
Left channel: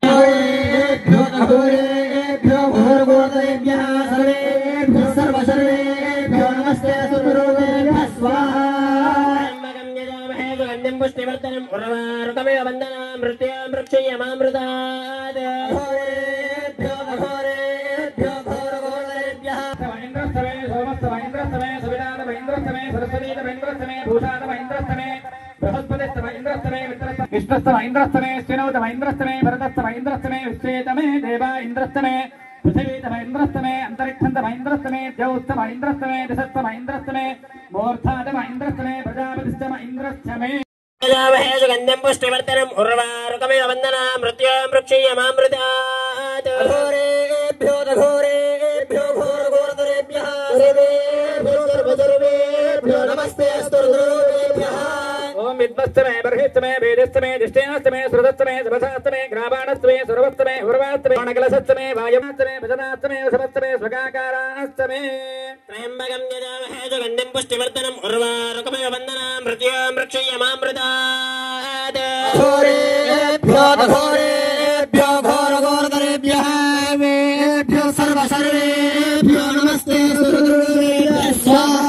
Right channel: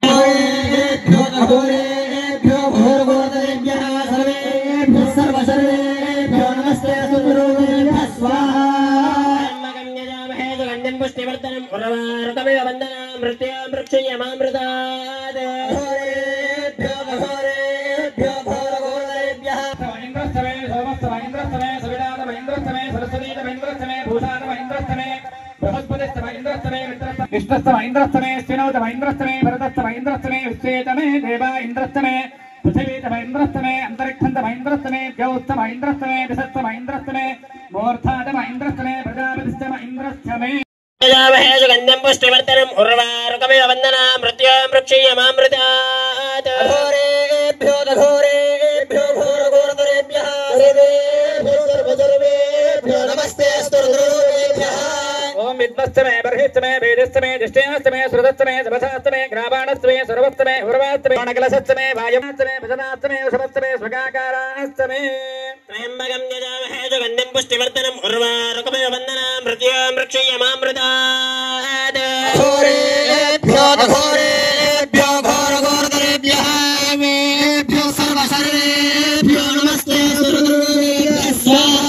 घोरेभ्यो घोरेभ्यो घोरघोरतरेभ्यः सर्वेभ्यः सर्वसर्वेभ्यो नमस्ते अस्तु सर्वेभ्यः स्वाहा त्र्यम्बकं यजामहे सुगन्धिं पुष्टिवर्धनं उर्वारुकमिव बन्धनान् मृत्युं रक्षेयमामृतात् घोरेभ्यो घोरेभ्यो घोरघोरतरेभ्यः महेन्द्रस्तमे सोमस्तमहेन्द्रस्तमे सवितातमहेन्द्रस्तमे सरस्वतीतमहेन्द्रस्तमे भूषातमहेन्द्रस्तमे बृहस्पतिस्तमहेन्द्रस्तमे विष्णुस्तमहेन्द्रस्तमे स्थिनौतमहेन्द्रस्तमे भरतस्तमहेन्द्रस्तमे विश्वेतमे देवा इन्द्रस्तमे पृथिवीतमहेन्द्रस्तमे अन्तरिक्षन्तमहेन्द्रस्तमे द्यौस्तमहेन्द्रस्तमे दिशस्तमहेन्द्रस्तमे मूर्धातमहेन्द्रस्तमे प्रजापतिस्तमहेन्द्रस्तमे यजामहे सुगन्धिं पुष्टिवर्धनं उर्वारुकमिव बन्धनान् मृत्युं रक्षेयमामृतात् घोरेभ्यो घोरेभ्यो घोरघोरतरेभ्यः सर्वेभ्यो सर्वसर्वेभ्यो नमस्ते अस्तु सर्वेभ्यः ओम विद्वस्तमे बर्हिस्तमे वेदस्तमे दिष्टेनस्तमे श्रुतस्तमे समसास्तमे ग्रावाणस्तमे सर्वस्तमे उर्वास्तमे नकलसस्तमे वायमास्तमे भजनास्तमे वसवस्तमे स्वगाकाराणस्तमे त्र्यम्बकं यजामहे सुगन्धिं पुष्टिवर्धनं उर्वारुकमिव बन्धनान् मृत्युं रक्षेयमामृतात् घोरेभ्यो घोरेभ्यो घोरघोरतरेभ्यः सर्वेभ्यो सर्वसर्वेभ्यो नमस्ते सर्वेभ्यः स्वाहा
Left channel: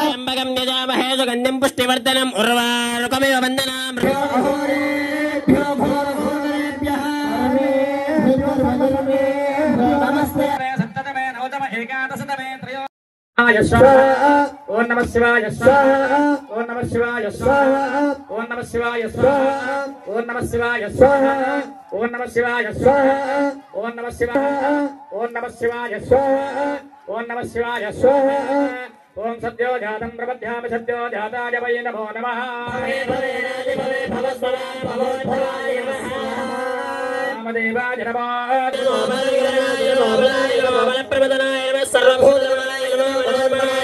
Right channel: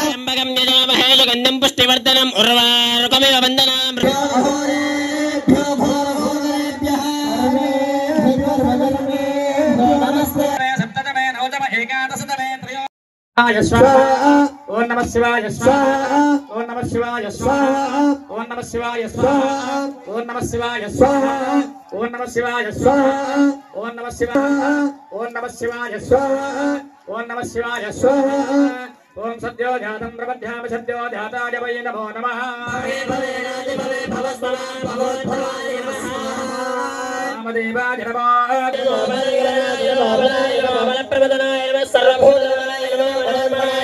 त्र्यम्बकं यजामहे सुगन्धिं पुष्टिवर्धनं उर्वारुकमिव बन्धनान् घोरेभ्यो घोरघोरतरेभ्यः सर्वेभ्यो सर्वसर्वेभ्यो नमस्ते सप्ततमे नवतम एकादशतमे त्रयो ओम नमः शिवाय स्वाहा ओम नमः शिवाय स्वाहा ओम नमः शिवाय स्वाहा ओम नमः शिवाय स्वाहा ओम नमः शिवाय स्वाहा ओम नमः शिवाय ओम नमः शिवाय स्वाहा ओम नमः शिवाय स्वाहा ओम सद्यो जातं प्रपद्यामि सद्यो जाताय वै नमो नमः नामदेवाय नमः प्रबोधनाय नमः सर्वभूतनाय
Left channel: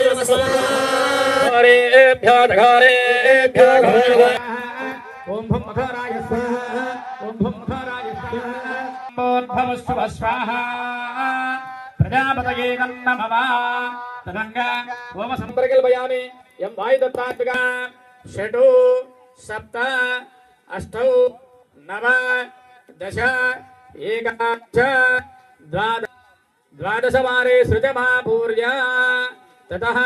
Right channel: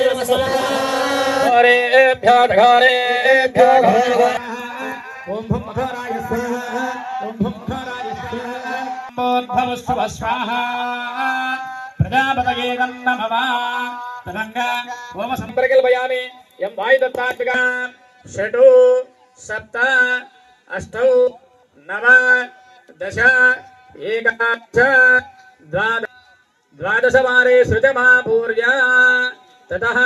नमः घोरेभ्यो घोरेभ्यो ओम भं मखराय स्वाहा ओम भं मखराय स्वाहा मोद्भवस्व स्वाहा प्रजापतये नमः तदंग ओम संपर्कल्पयामि यं वायुदत्तात्मिका षडु सप्त अष्टौ नव दश एकादश द्वादशवारे सृजमापूर्य ततः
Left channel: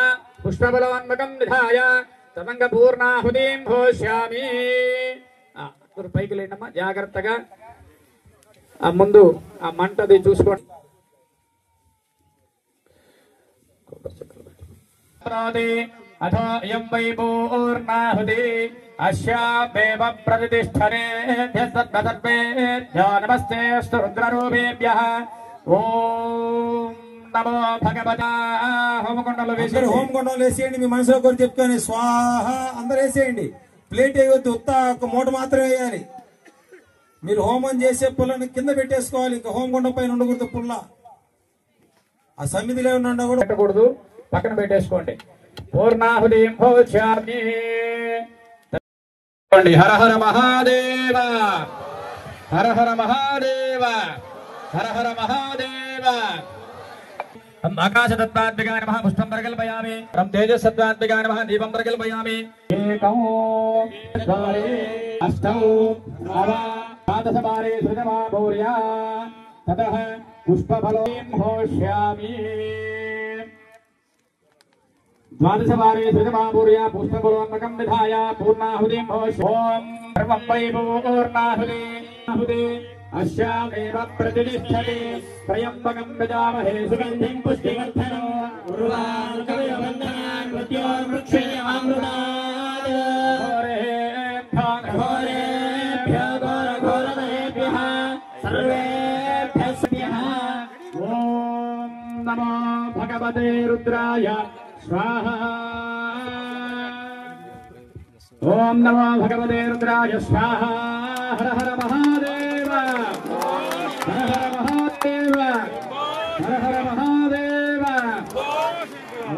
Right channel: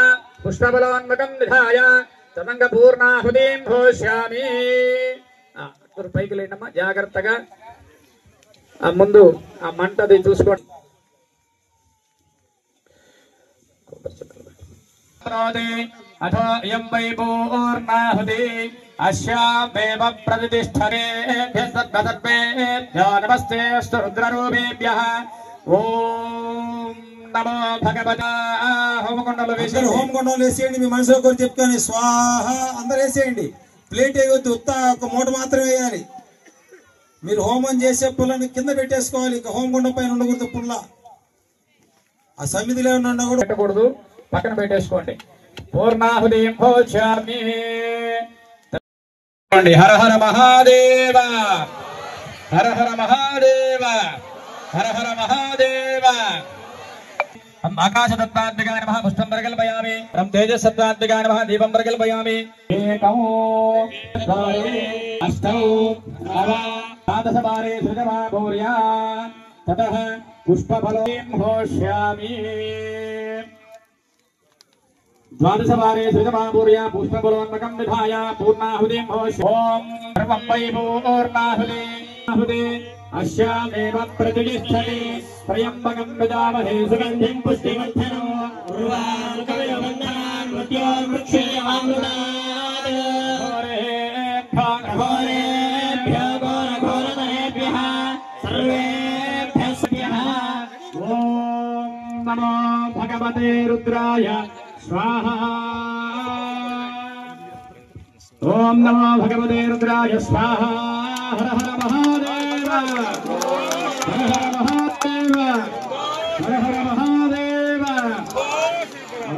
पुष्पबलोन्मकं निधाय तदङ्गपूर्णाहुतिं घोष्यामि పైకి లేనమ్మా జాగ్రత్తగా ఆ ముందు ఆ మంటది చూసుకోండి अथो इयं वै पूर्णाहुति अस्यामेव प्रतिष्ठते सर्वेभ्यो नमस्तेऽस्तु रुद्ररूपेभ्यः ఓం నమో భగవతా హోమకుండలు వేసి హోమకుండలు వేసేయండి. మీ మనసులో కూడా చెప్పుకొని స్వాహ అందరూ వేసేయండి. ప్లేట్ వేయవద్దు, ఉత్త ఒక మూట మాత్రమే వేయాలి. మీరు హోమం చేసే పుల్లను కింద పెట్టేసుకోవాలి. ఇక హోమకుండ పైన ఉండకూడదు. పుల్ల ఆ సమిధిలో ఉన్నా కూడా పెట్టకూడదు, పక్కన పెట్టేసుకోండి. పూర్ణాహుతిం భోజ్యామి. హర హర మహాదేవ, హర హర మహాదేవ, హర హర మహాదేవ. ఆకాశతత్వాత్మికాయ నమః పుష్పం ప్రకల్పయామి. తేజస్సత్వాత్మికాయ నమః దీపం ప్రకల్పయామి. ఏకం ద్వారే అష్టౌ నవ ద్వాదశవారే సృజమా భూర్యా తతః పుష్పఫలం హోష్యామి. ద్వాదశవారే సృజమా భూర్యా పుష్పఫలోన్మకం విధాయ పూర్ణాహుతిం హోష్యామి. ఓం సర్వం వై పూర్ణాహుతి अस्यामेव प्रतिष्ठते त्र्यम्बकं यजामहे सुगन्धिं पुष्टिवर्धनो उर्वारुकमिव बन्धनान् मृत्योर्मृक्षेमामृतात् घोरेभ्यो घोरघोरदयेभ्यः सर्वेभ्यः ॐ नमो भगवते रुद्राय स्वाहा. ॐ नमो भगवते रुद्राय स्वाहा. हर हर महादेव, हर हर महादेव, हर हर महादेव.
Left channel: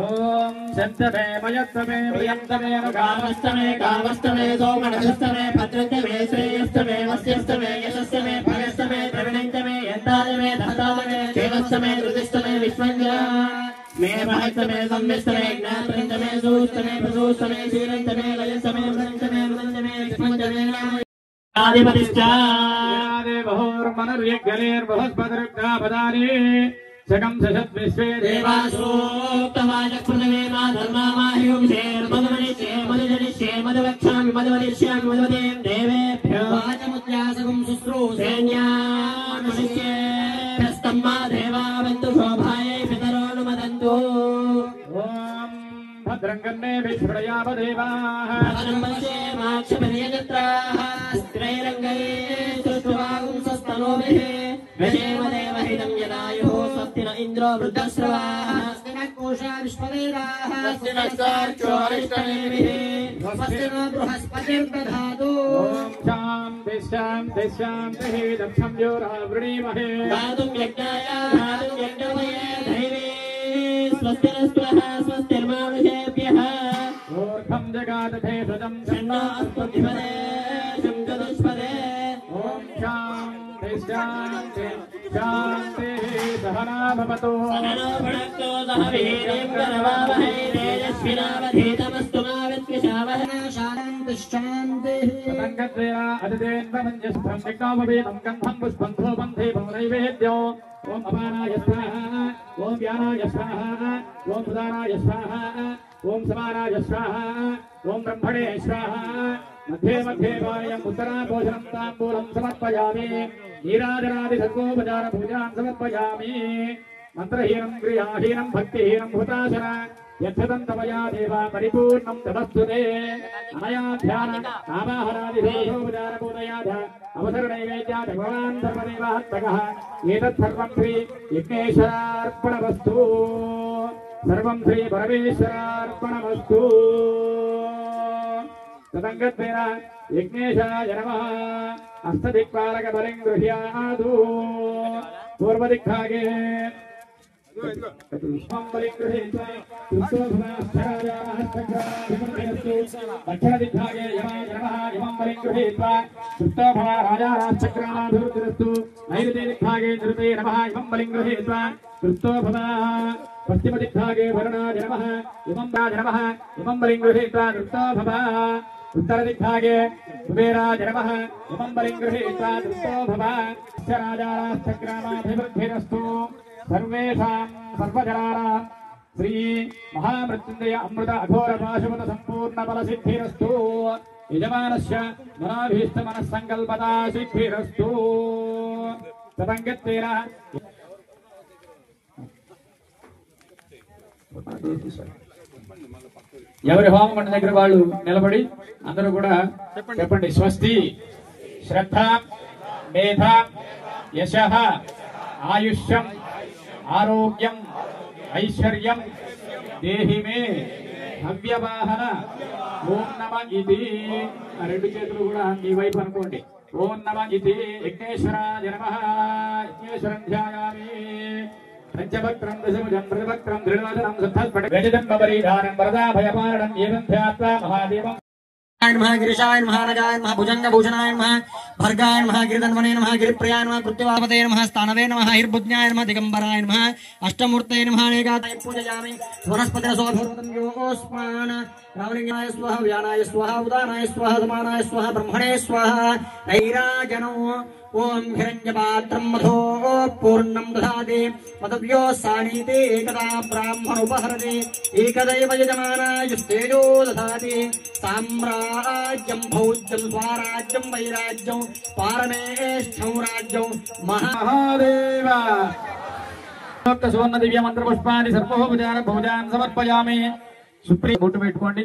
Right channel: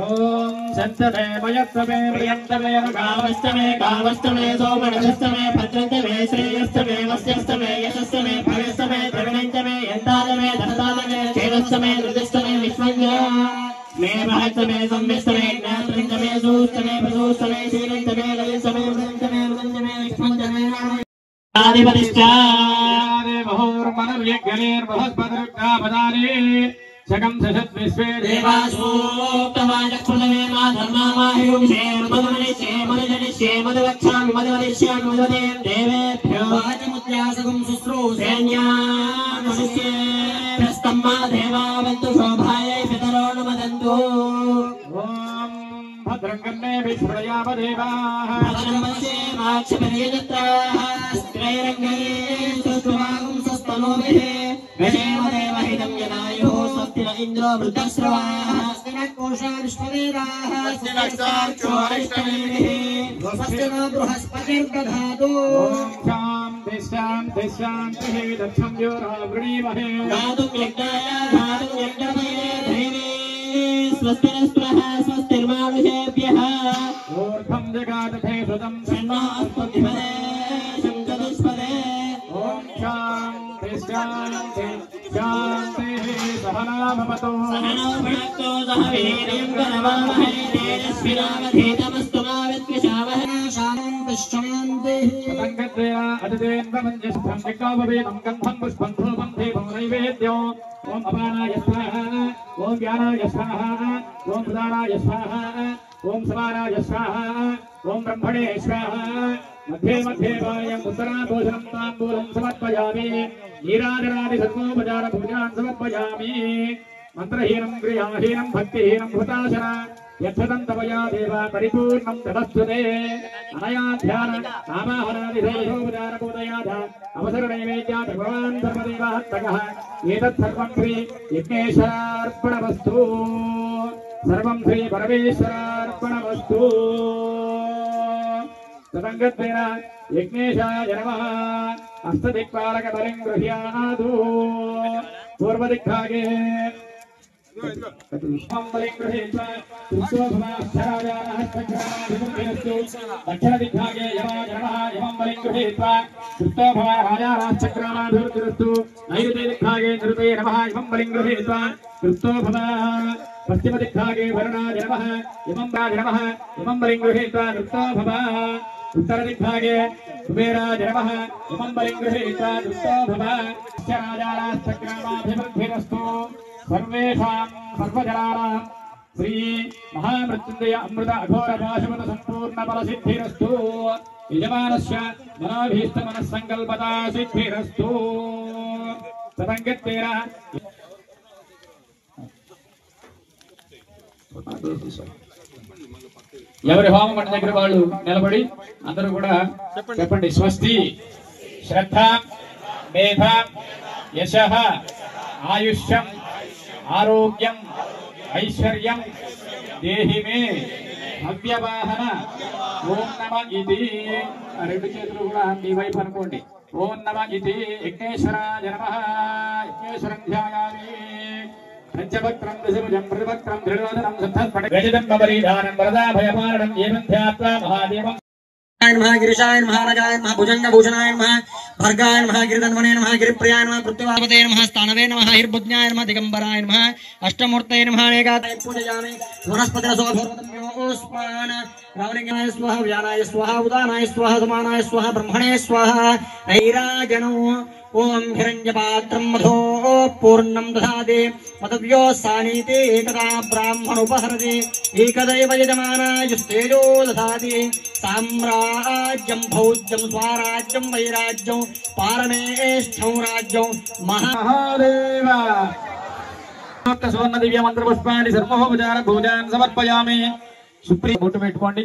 ओम संतमे मयत्वमे प्रियंतमे गावस्तमे गावस्तमे सोमनस्तमे भद्रन्तमे श्रेयस्तमे वस्यस्तमे यशस्तमे भगस्तमे द्रविणन्तमे यन्तालमे धनतालमे केवस्तमे रुदस्तमे विश्वंजया मे महत्तमे संविस्तमे ज्ञातन्तमे सूस्तमे प्रसूस्तमे शीलन्तमे ललितमे मृदन्तमे मृदन्तमे विश्वंजमे आदिपतिष्ठादे बहुर्मनुर्यज्ञैर्बृहस्पतिरुग्धापदानि शकं सशत् विश्वे देवासूक्तवाचक्षुर्णवे मा धर्मामाहिरुं शेर्मनुनिश्चे मनुजनिश्चे मधुवक्षामि मधुवदिष्यामि मधुवदें देवेभ्यो वाचमुद्रासकं शुश्रूषेण्यानुशिष्ये तस्तम्मा देवावन्तु शोभायै पितरो नुमदन्तु. ॐ भद्रं कर्णे विश्वयाम देवाः भद्रं पश्येमाक्षपरियजत्राः स्वस्ति न इंद्रो वृद्धश्रवाः स्वस्ति न कोशा विश्ववेदाः स्वस्ति न साक्षोरिष्टनेमिः स्वस्ति नो बृहस्पतिर्दधातु. शान्ति शान्ति शान्तिः. दक्षं योरावृणीमहे गातुं यज्ञाय गातुं यज्ञमये धैर्ये स्वस्ति न स्पृह स्वस्तिर्मानुषेभ्यः ऊर्ध्वं जगादधे सुजं सन्नास्पतिपदे शङ्करस्पदे. ॐ शान्ति शान्ति शान्तिः. सहना भवतु सहनो भुनक्तो सह वीर्यं करवावहै तेजस्विनावधीतमस्तु मा विद्विषावहै. शान्तिः शान्तिः. तदङ्गत्वया अतिथेन्वमन्यस्तं निकाववेदं गन्धं पुष्पं धूपं दीपं नैवेद्यो. ॐ अपानाय स्वाहा, ॐ व्यानाय स्वाहा, ॐ सुदानाय स्वाहा, ॐ समानाय स्वाहा, ॐ ब्रह्मणे स्वाहा. मध्ये मध्ये वायम् उत्तराभोजनं ताम्बूलं समर्पयामि. नीराजनादि सर्वोपचार पूजान् समर्पयामि. मन्त्रहीनं क्रियाहीनं भक्तिहीनं हुताशन यच्छतं तवया देव परिपूर्णं तपस्वते. अनया ध्यान नामाहरादिषोपचार पूजयाथ अवसरनैवेद्यात् भगवान् सर्वदेवात्मकः. एतत् सर्वं श्री यज्ञेश्वरार्पणमस्तु. सर्वं श्री परमेश्वरार्पणमस्तु. तदङ्गत्वेन यज्ञेशाय नमः. अष्टदिक्पालक बलिं गृह्णातु. पूर्वदिक्भागे बलिं गृहीत्वा दक्षिणदिग्भागे यमाय नमः. यमं बलिं गृहीत्वा कृत्तोभवाराजाराश्चक्रामाभिवृद्धिरस्तु. नैऋत्यदिग्भागे निरुते नमः. यमं बलिं गृहीत्वा कृत्तोभवः. पश्चिमदिग्भागे वरुणाय नमः. यमं राज नमः. यमं बलिं गृहीत्वा कृत्तोभवः. उत्तरदिग्भागे कुबेराय नमः. इमं बलिं गृहीत्वा दृष्टो भव. राजाश्चक्रामाभिवृद्धिरस्तु. सर्वेषां सर्वजनानां श्री महामृत्युञ्जय अमृत अघोर पाशुपत संपूर्ण बल सिद्धिरस्तु. यजमानस्य मनाभीष्ट मनस्संकल्पता सिद्धिरस्तु. तदङ्गत्वेन ఎవరి హోమమంట దగ్గర వాళ్ళు నిలబడి అందరూ కూడా చెప్పండి. స్వస్తి శ్రద్ధ మేధ యశః ఆయుష్యం ఆరోగ్యం ఐశ్వర్యం దేహి మే భవ్యవాహన ఓం నమ ఇది. రెండు చేతులు కూడా మీ వైపు అనుకోండి. ఓం నమ ఇది యజ్ఞేశ్వరాయ నమః. యజ్ఞేశ్వరం ధ్యాయామి. పంచవక్త్రం దశభుజం ప్రతివక్త్రం త్రిలోచనం శుద్ధస్ఫటికం గజదం బబరీధారం వరదా భయపారణం ఏవం ధ్యాత్వా మహాదేవం नमः गिरिशाय नमः राजाय नमः भुजंगभूषणाय नमः भर्गाय नमः गिरिधन्वने नमः गिरिप्रियाय नमः पृथ्वीपते नमः स्थानवे नमः हिर्बुज्ञाय नमः दिगंबराय नमः अष्टमूर्तये नमः अनेकात्मने पूजयामि वनस्पतये सोभवतं योगोस्मान रावलिंगाय स्वाहा व्यानाय स्वाहा उदानाय स्वाहा समानाय स्वाहा ब्रह्मणे स्वाहा ऐराजनो ओम हिरण्यपात्रं मधो पूर्णं दधाति पदव्यो सानीते एकदा ब्राह्मणोपहरति एकदैव यजमानायुस्तेजो दधाति साम्राज्यं भौज्यं स्वाराज्यं वैराज्यं पारमेष्ठं राज्यं महादेव सुवर्ण दिव्य मंत्र पुष्पानि सर्वोपचार भोजान् समर्पयामि. सुप्रीम बोट्టు పెట్టుకోండి.